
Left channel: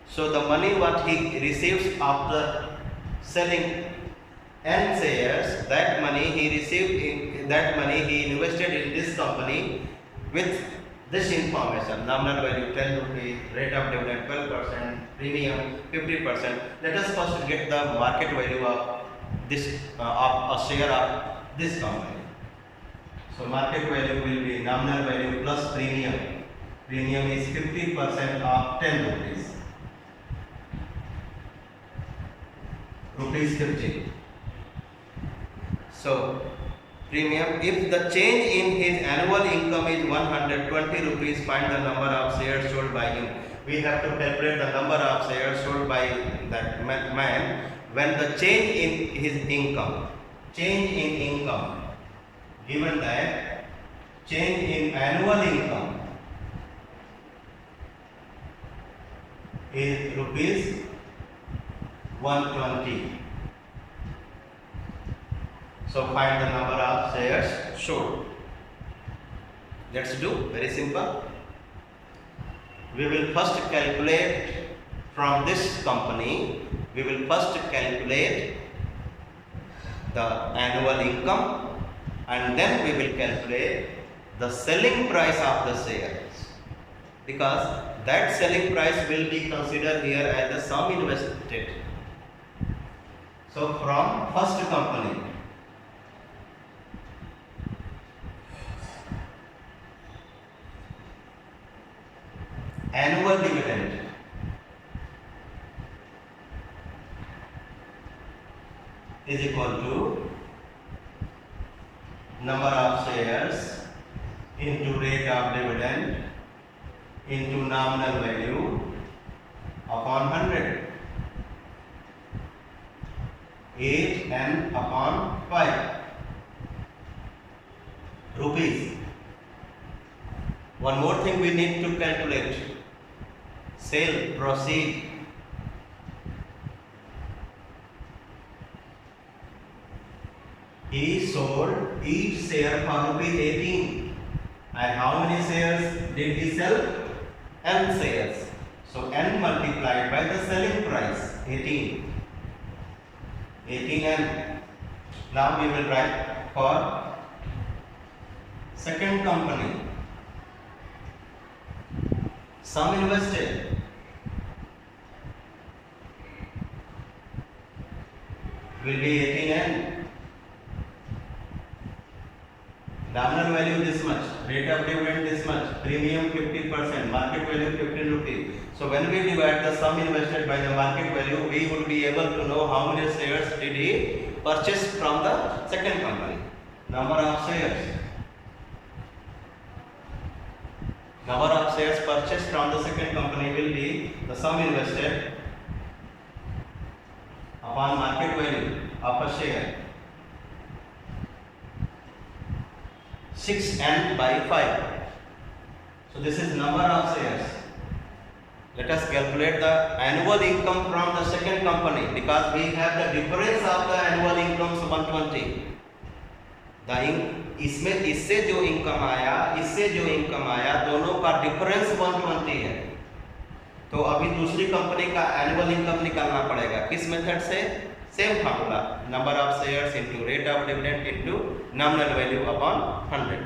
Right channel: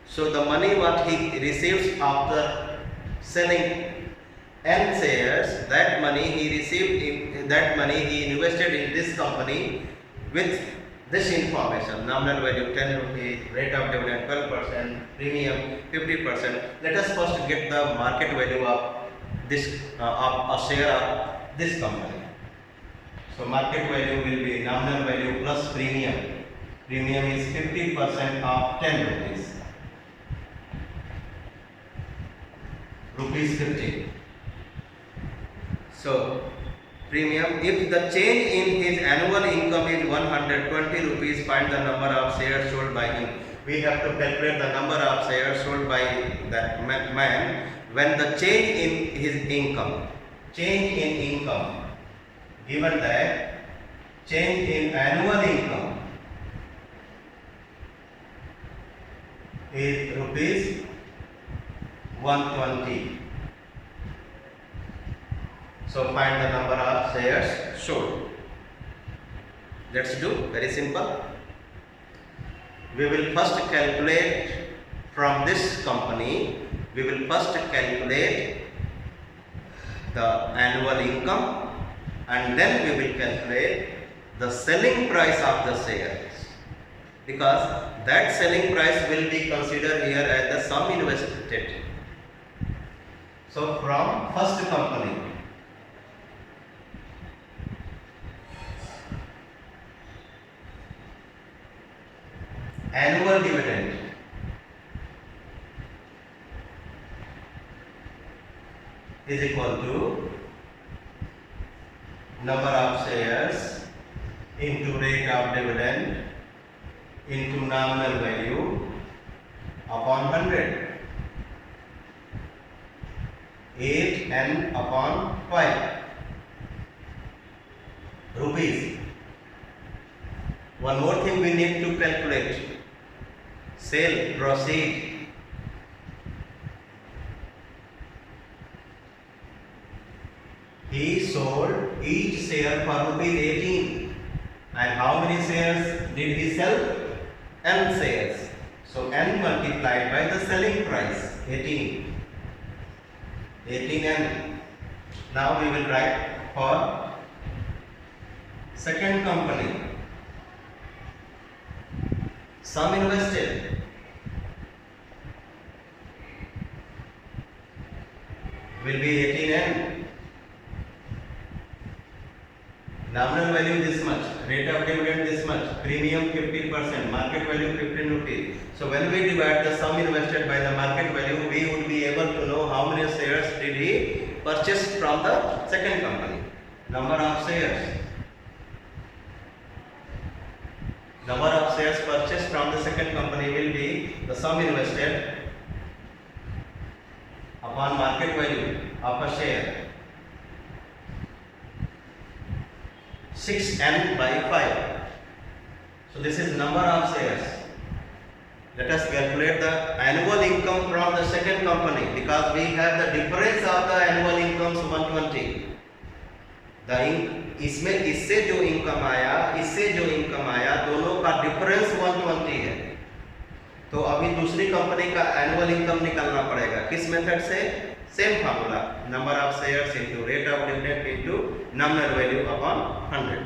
So the money what he receives after selling n shares, that money he received in that money he invested in this company with this information: nominal value 10 rupees, rate of dividend 12%, premium 50%. Let us first get the market value of this of a share of this company. So market value will be nominal value plus premium. Premium is 50% of 10 rupees. Rupees 50. So premium, if the change in his annual income is 120 rupees, find the number of shares sold by him. We have to calculate the number of shares sold by that man when the change in his income, given that change in annual income is rupees 120. So find the number of shares sold. Let's do very simple. We will first calculate from this company. We will first calculate the annual income, and then we will calculate the selling price of the shares, because that selling price will be considered here as the sum invested. So from first company, annual dividend is equal to number of shares into rate of dividend into nominal value upon 100. 8n upon 5 rupees. One more thing we need to calculate: sale proceed. He sold each share for rupees 18. And how many shares did he sell? N shares. So n multiplied by the selling price, 18. 18n. Now we will write for second company. Sum invested will be 18n. Nominal value this much, rate of dividend this much, premium 50%, market value 15 rupees. So when we divide the sum invested by the market value, we would be able to know how many shares did he purchase from the second company. Number of shares. Number of shares purchased from the second company will be the sum invested upon market value of a share. 6n by 5. So this is number of shares. Let us calculate the annual income from the second company, because we have the difference of the annual income 120. इससे जो income आया, इससे जो income आया, दोनों का difference 120 है. तो अभी दूसरी कंपनी का एनुअल इनकम निकालना पड़ेगा. किस मेथड से? Same formula, number of shares into rate of dividend into nominal value upon 100.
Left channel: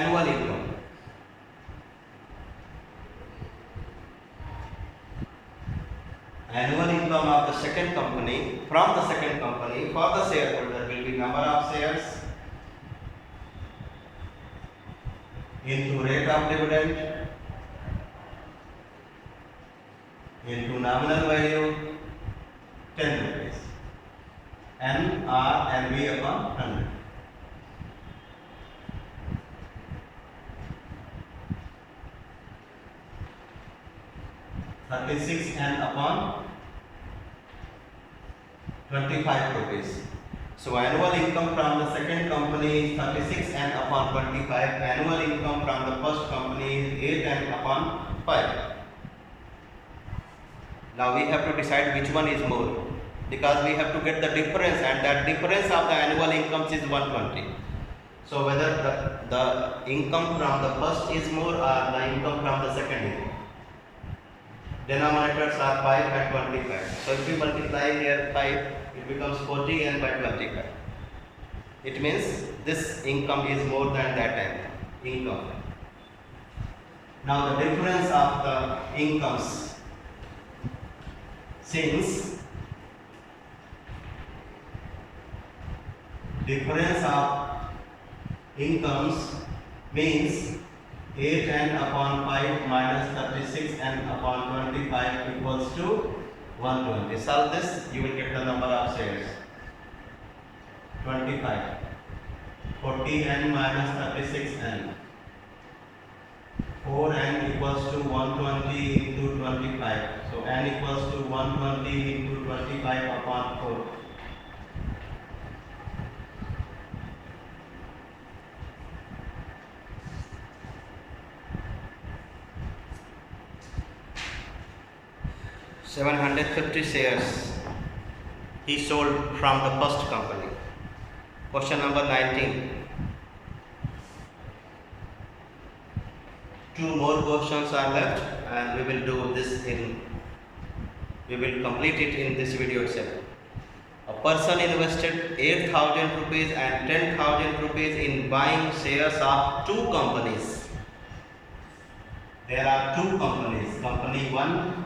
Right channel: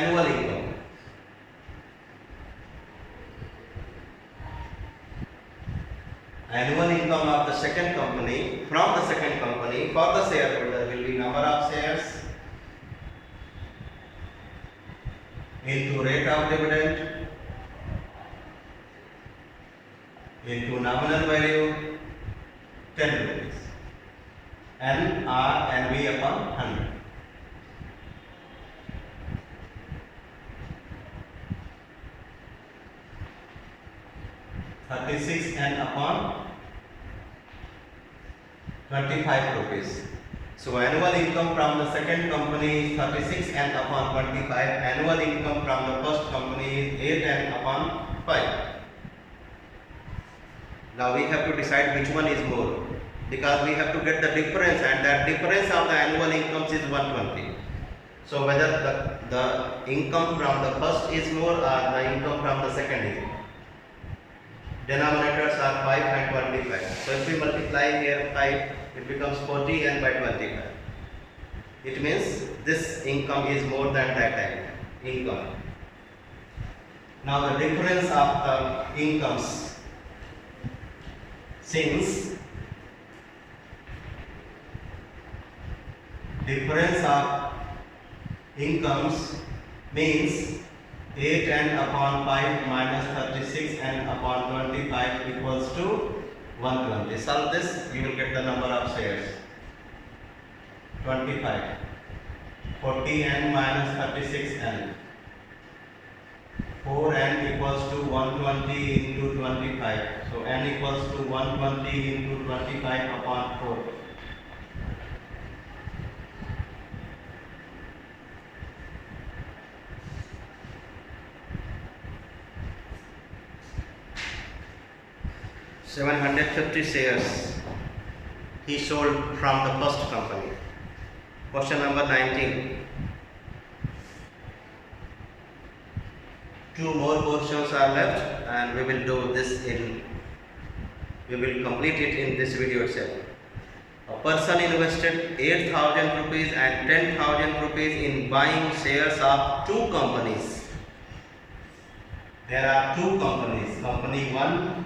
Annual income. Annual income of the second company from the second company for the shareholder will be number of shares into rate of dividend into nominal value 10 rupees. N R N V upon 100. $36n upon 25 rupees. So annual income from the second company is 36n upon 25. Annual income from the first company is 8n upon 5. Now we have to decide which one is more, because we have to get the difference, and that difference of the annual incomes is 120. So whether the income from the first is more or the income from the second is more. Denominators are 5 and 25. So if we multiply here 5, it becomes 40 and by 25. It means this income is more than that income. Now the difference of the incomes, since difference of incomes means 8n upon 5 minus 36n upon 25 equals to 120. Solve this, you will get the number of shares. 25. 40n minus 36n. 4n equals to 120 into 25. So n equals to 120 into 25 upon 4. $750 shares he sold from the first company. Question number 19. Two more questions are left, and we will complete it in this video itself. A person invested 8,000 rupees and 10,000 rupees in buying shares of two companies. There are two companies, company 1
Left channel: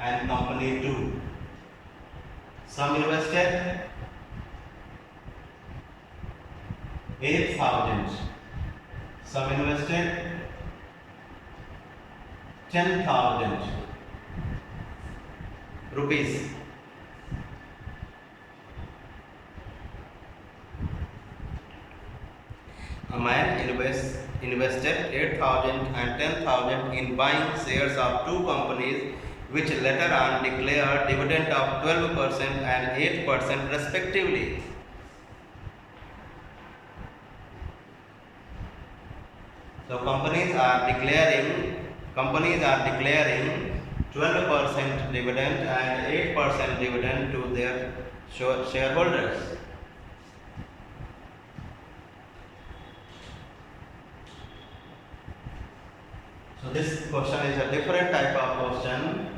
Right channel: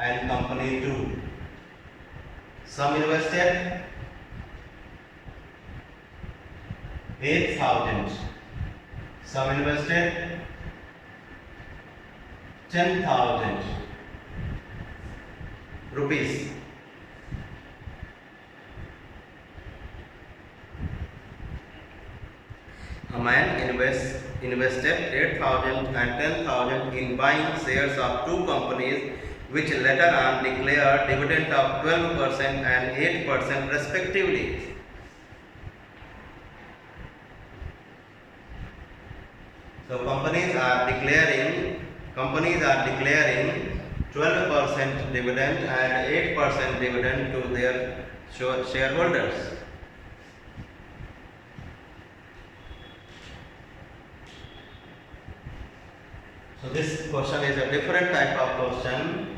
and company 2. Some invested 8,000, some invested 10,000 rupees. A man invested 8,000 and 10,000 in buying shares of two companies which later on declared dividend of 12% and 8% respectively. So companies are declaring 12% dividend and 8% dividend to their shareholders. So this question is a different type of question.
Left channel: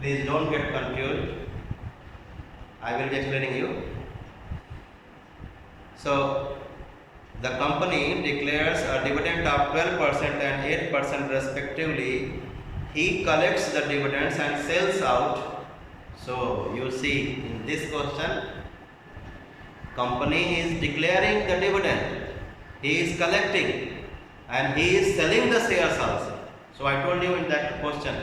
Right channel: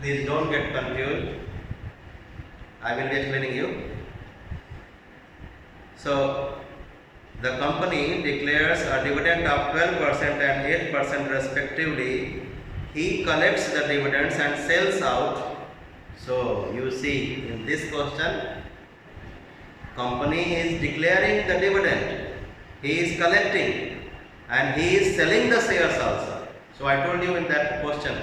Please don't get confused. I will be explaining you. So the company declares a dividend of 12% and 8% respectively. He collects the dividends and sells out. So you see in this question, company is declaring the dividend, he is collecting, and he is selling the shares also. So I told you in that question,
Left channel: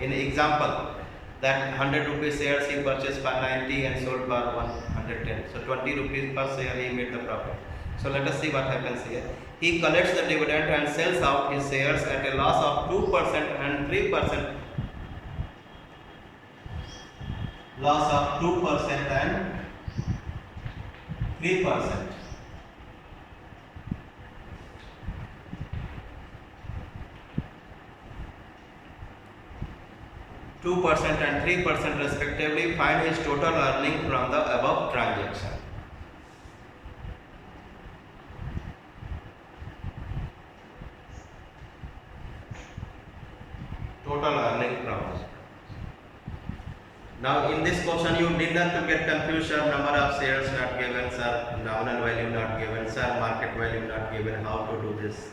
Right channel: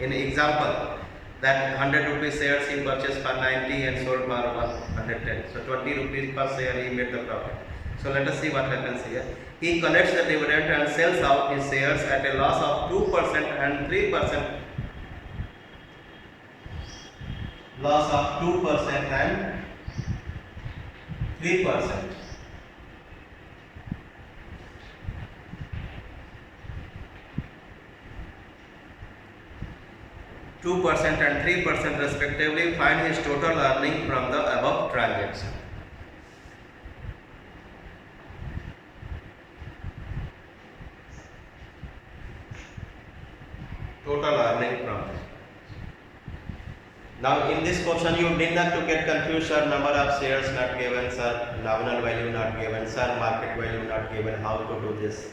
in example, that 100 rupees shares he purchased for 90 and sold for 110. So 20 rupees per share he made the profit. So let us see what happens here. He collects the dividend and sells out his shares at a loss of 2% and 3%. Loss of 2% and 3%. and 3% respectively. Find his total earning from the above transaction. Total earning from this. Now in this question you need not to get confused, sir. Number of shares not given, sir. Nominal value not given, sir. Market value not given. How to do this?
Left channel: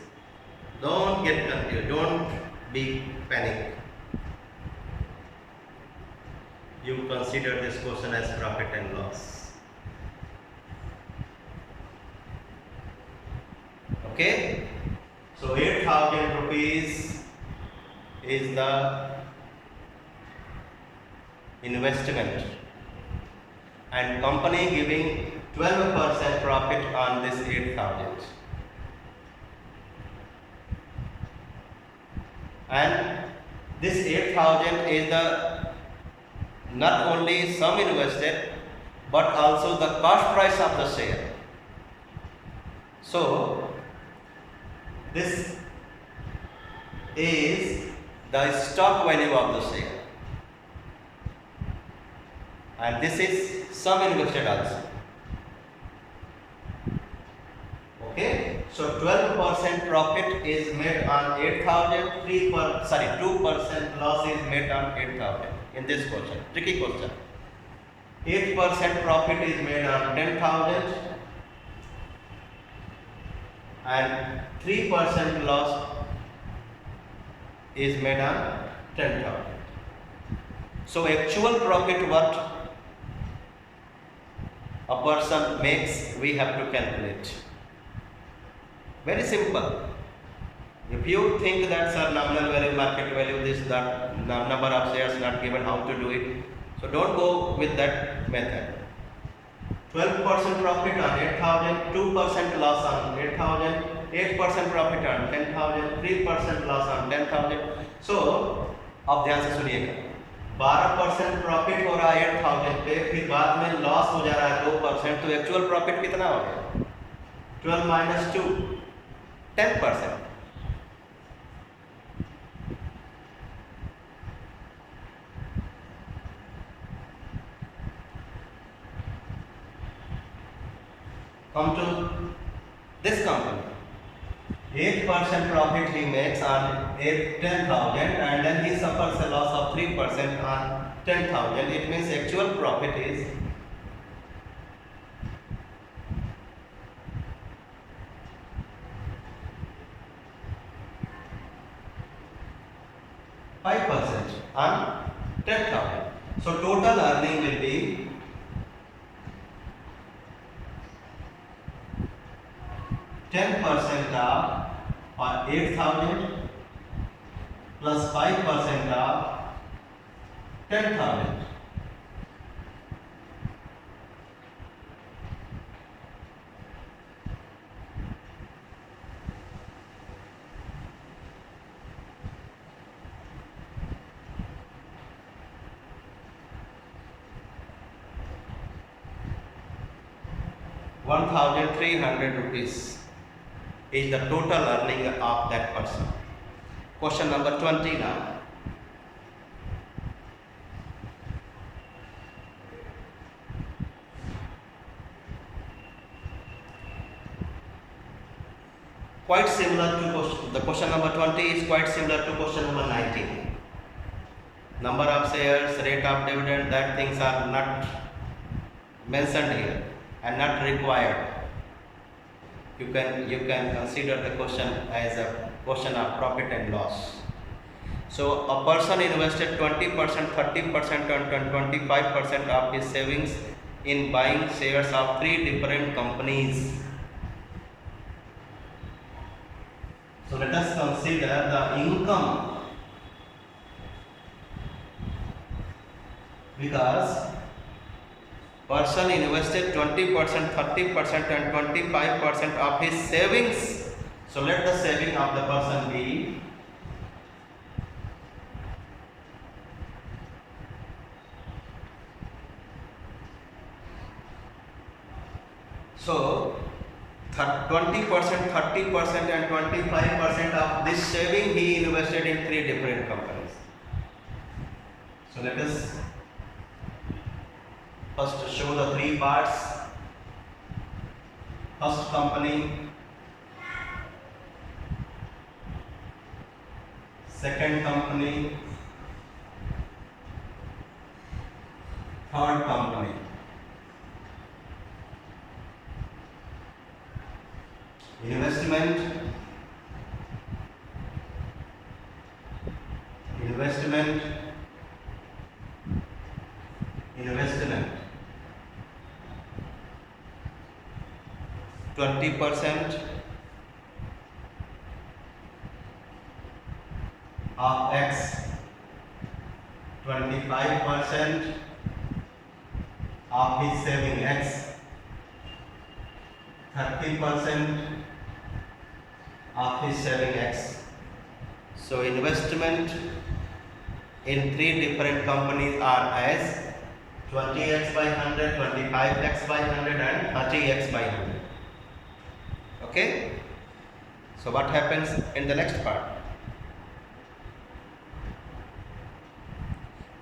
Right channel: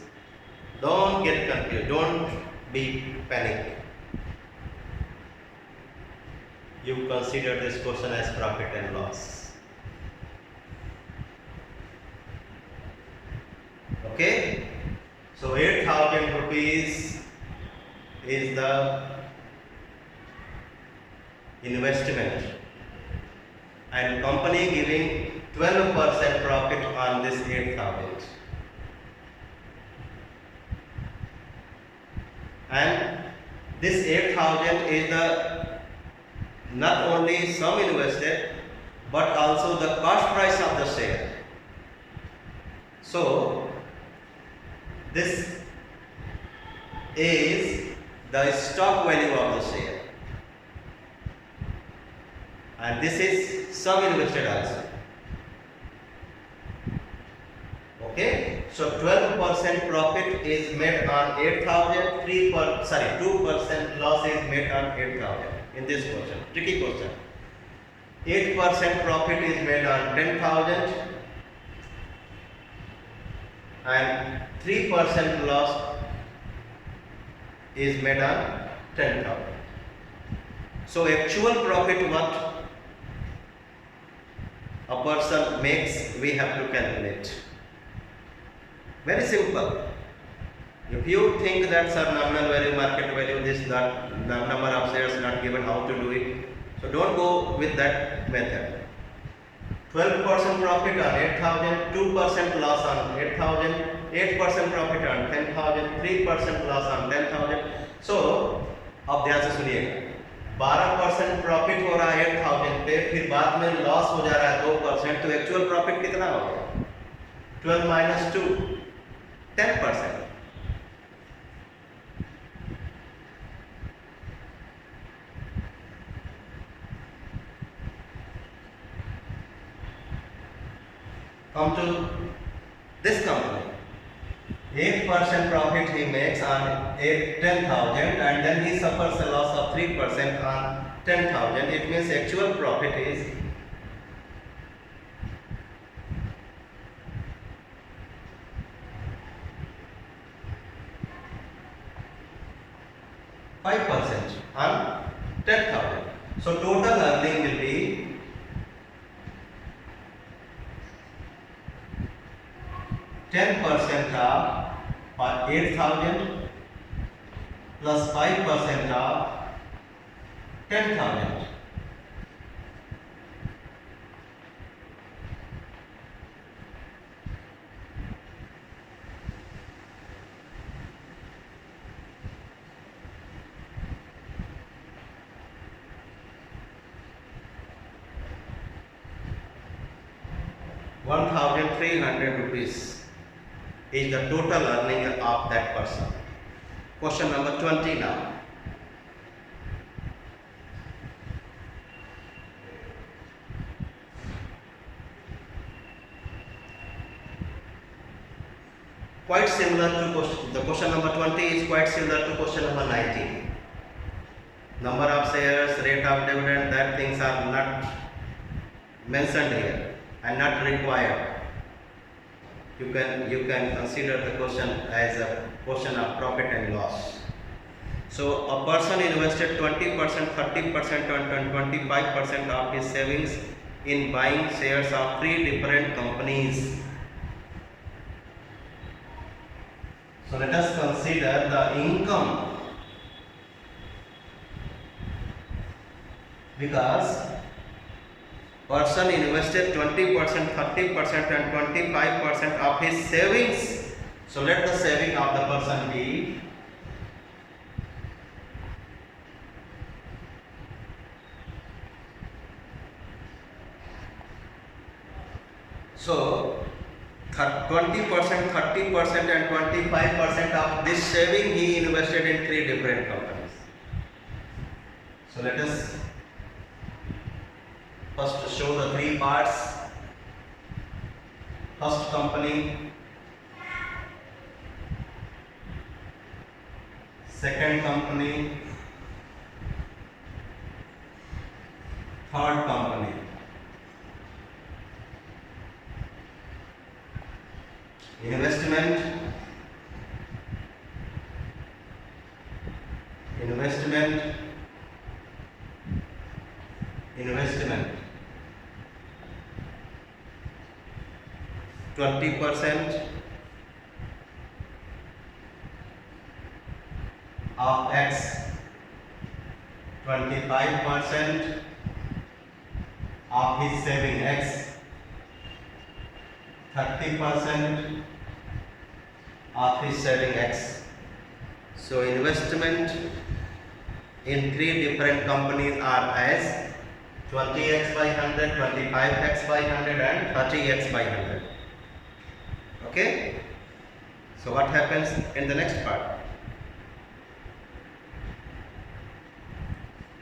Don't get confused. Don't be panicked. You consider this question as profit and loss. Okay? So 8,000 rupees is the investment, and company giving 12% profit on this 8,000. And this 8,000 is the not only sum invested but also the cost price of the share. So this is the stock value of the share. and this is sum invested also. Okay, so 12% profit is made on 8,000, 2% loss is made on 8,000 in this question, tricky question. 8% profit is made on 10,000 and 3% loss is made on 10,000. So actual profit what a person makes, we have to calculate. Very simple. If you think that sir, nominal value, market value, this, that, number of shares not given, how to do it? So don't go with that method. 12% profit on 8,000, 2% loss on 8,000, 8% profit on 10,000, 3% loss on 10,000. So अब ध्यान से सुनिएगा, 12% profit हो रहा है 8,000 पे, फिर बाद में लॉस हो जा रहा है 2%, तो एक्चुअल प्रॉफिट कितना हो गया? 12 minus 2, 10%. Come to this company. 8% profit he makes on 10,000 and then he suffers a loss of 3% on 10,000. It means actual profit is 5% on 10,000. So total earning will be 10% of 8,000 plus 5% of 10,000. ₹1,300 is the total earning of that person. Question number 20 now. Quite similar to the question number 20 is quite similar to question number 19. Number of shares, rate of dividend, that things are not mentioned here and not required. You can consider the question as a question of profit and loss. So a person invested 20%, 30% and 25% of his savings in buying shares of 3 different companies. So let us consider the income, because person invested 20%, 30% and 25% of his savings. So let the saving of the person be so 20%, 30% and 25% of this saving he invested in 3 different companies. So let us first show the 3 parts. First company, second company, third company. Investment, investment, investment. 20% of X, 25% of his saving X, 30% of his saving X. So investment in 3 different companies are as 20x by 100, 25x by 100 and 30x by 100. Okay, so what happens in the next part?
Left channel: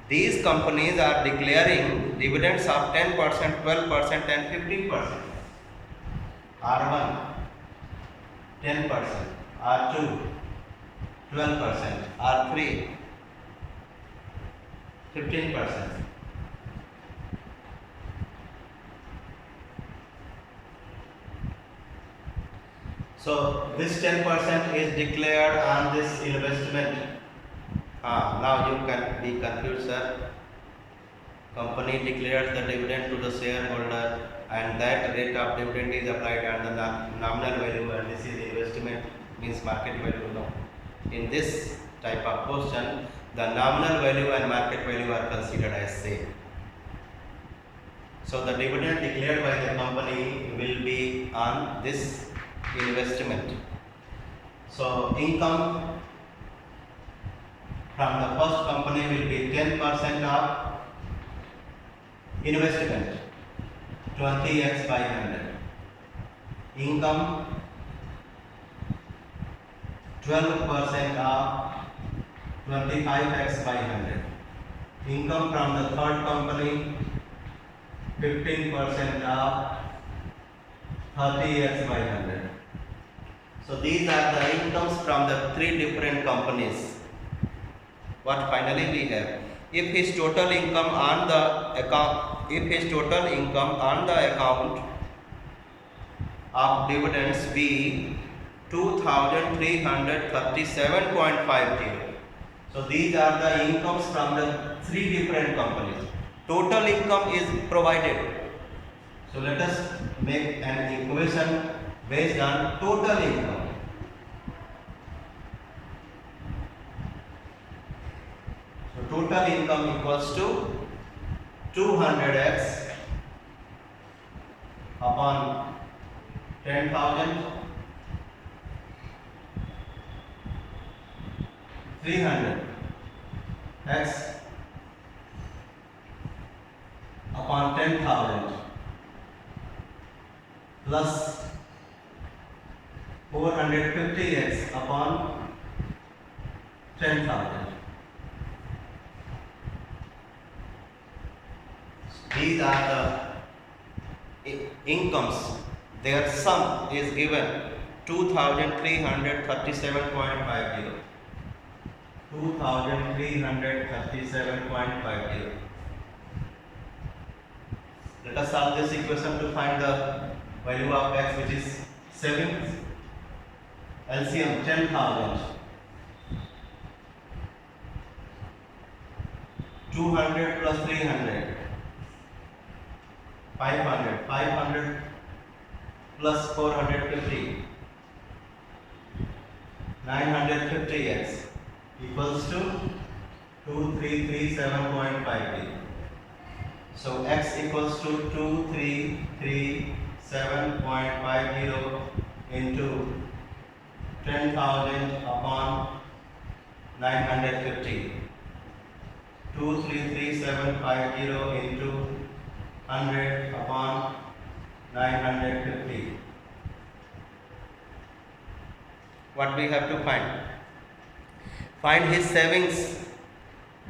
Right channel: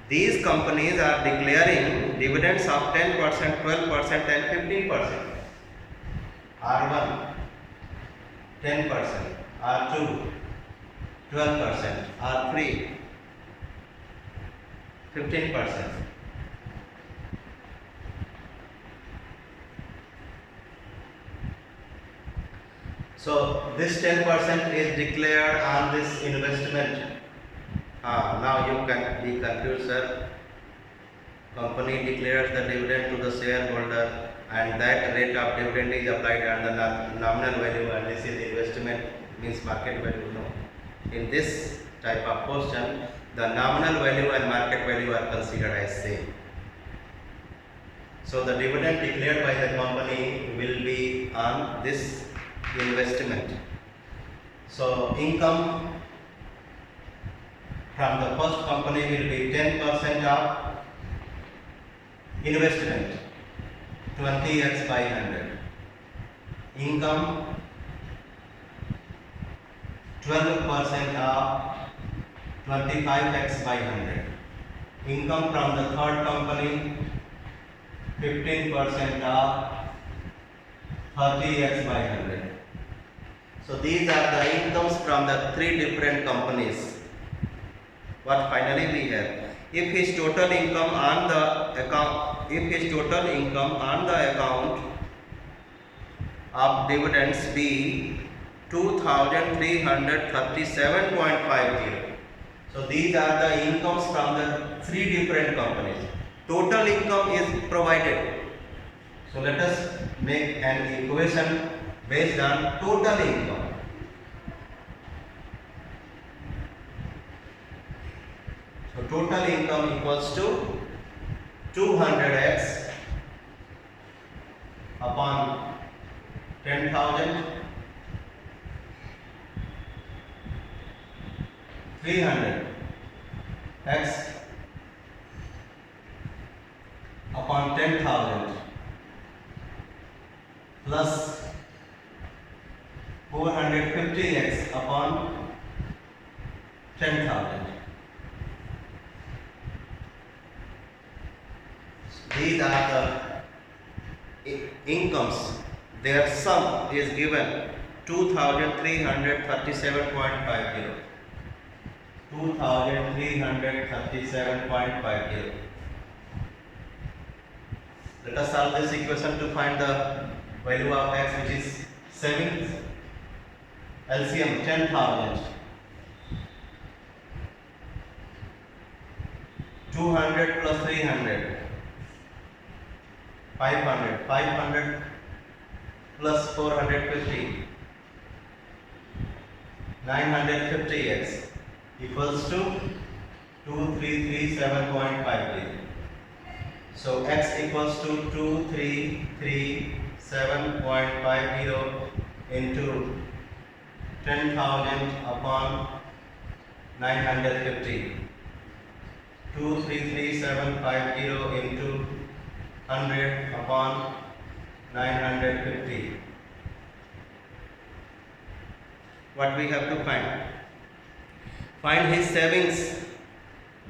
These companies are declaring dividends of 10%, 12% and 15%. R1 10%, R2 12%, R3 15%. So this 10% is declared on this investment. Now you can be confused, sir. Company declares the dividend to the shareholder and that rate of dividend is applied on the nominal value, and this is investment means market value. No. In this type of question, the nominal value and market value are considered as same. So the dividend declared by the company will be on this investment. So income from the first company will be 10% of investment, 20x by 100. Income 12% of 25x by 100. Income from the third company 15% of 30x by 100. So these are the incomes from the three different companies. What finally we have? If his total income on the account of dividends be 2337.50. So these are the incomes from the three different companies. Total income is provided. So let us make an equation based on total income. So total income equals to 200x upon 10,000, 300x upon 10,000 plus 450x upon 10,000. These are the incomes. Their sum is given 2337.50. 2337.50. Let us solve this equation to find the value of x, which is savings. LCM 10,000. 200 plus 300. 500. 500 plus 450. 950x equals to 2337.50. So x equals to 2337.50 into 10,000 upon 950. 233750 into 100 upon 950. What we have to find? Find his savings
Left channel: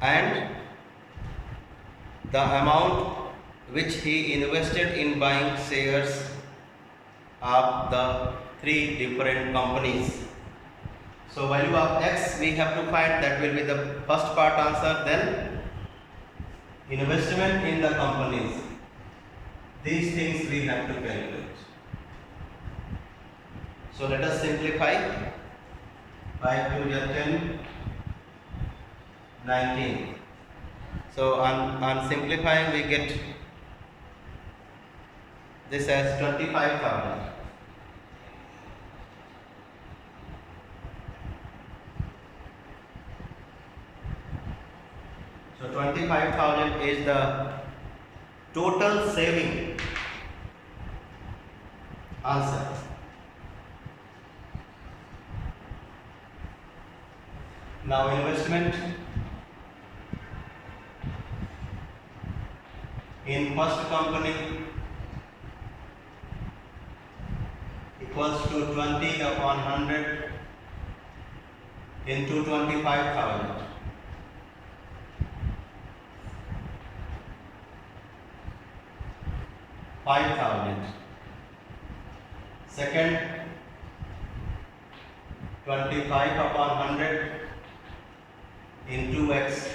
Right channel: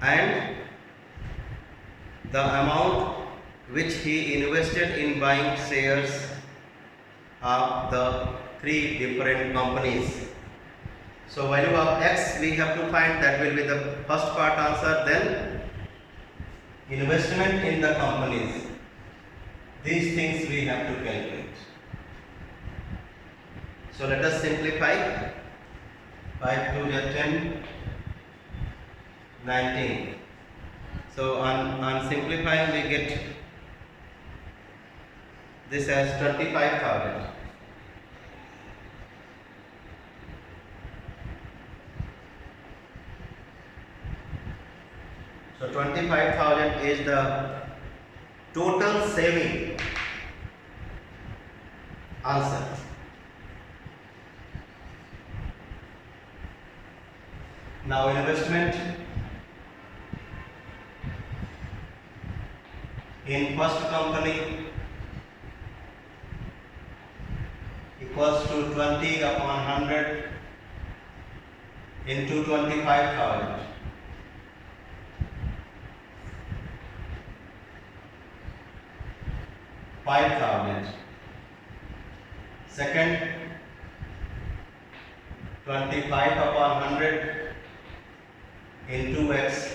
and the amount which he invested in buying shares of the three different companies. So value of x we have to find, that will be the first part answer. Then investment in the companies. These things we have to calculate. So let us simplify. 5 2 is 10, 19. So on simplifying we get this as 25,000. So 25,000 is the total saving answer. Now investment in first company equals to 20 upon 100 into 25,000. 5,000. Second, 25 upon 100 into x.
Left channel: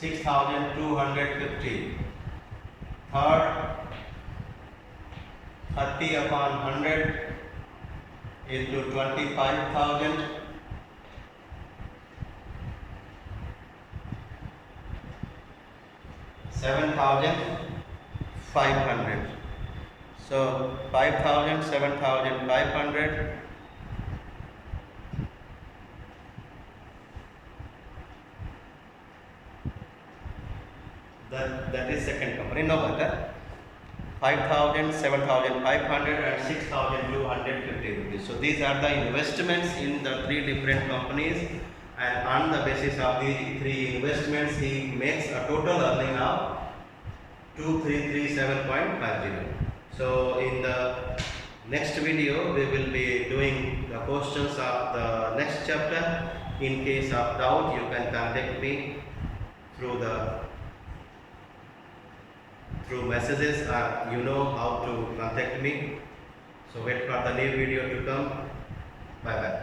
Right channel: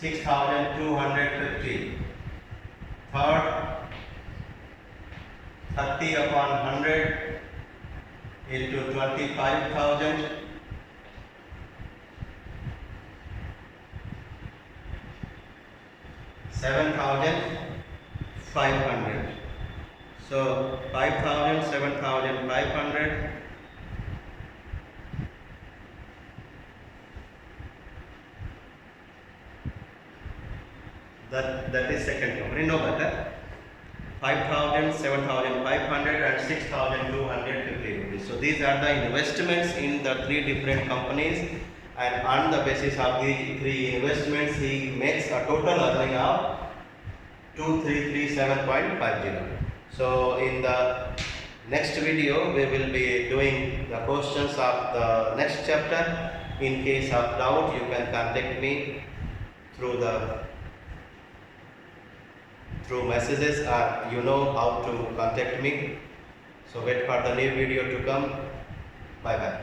$6,250. Third, 30 upon 100 into 25,000. $7,500. So 5,000, 7,500. That is second number. No matter. 5,000, 7,500 and 6,250 rupees. So these are the investments in the three different companies, and on the basis of the three investments he makes a total earning of 2337.50. So in the next video we will be doing the questions of the next chapter. In case of doubt you can contact me through messages, or you know how to contact me. So wait for the new video to come. Bye bye.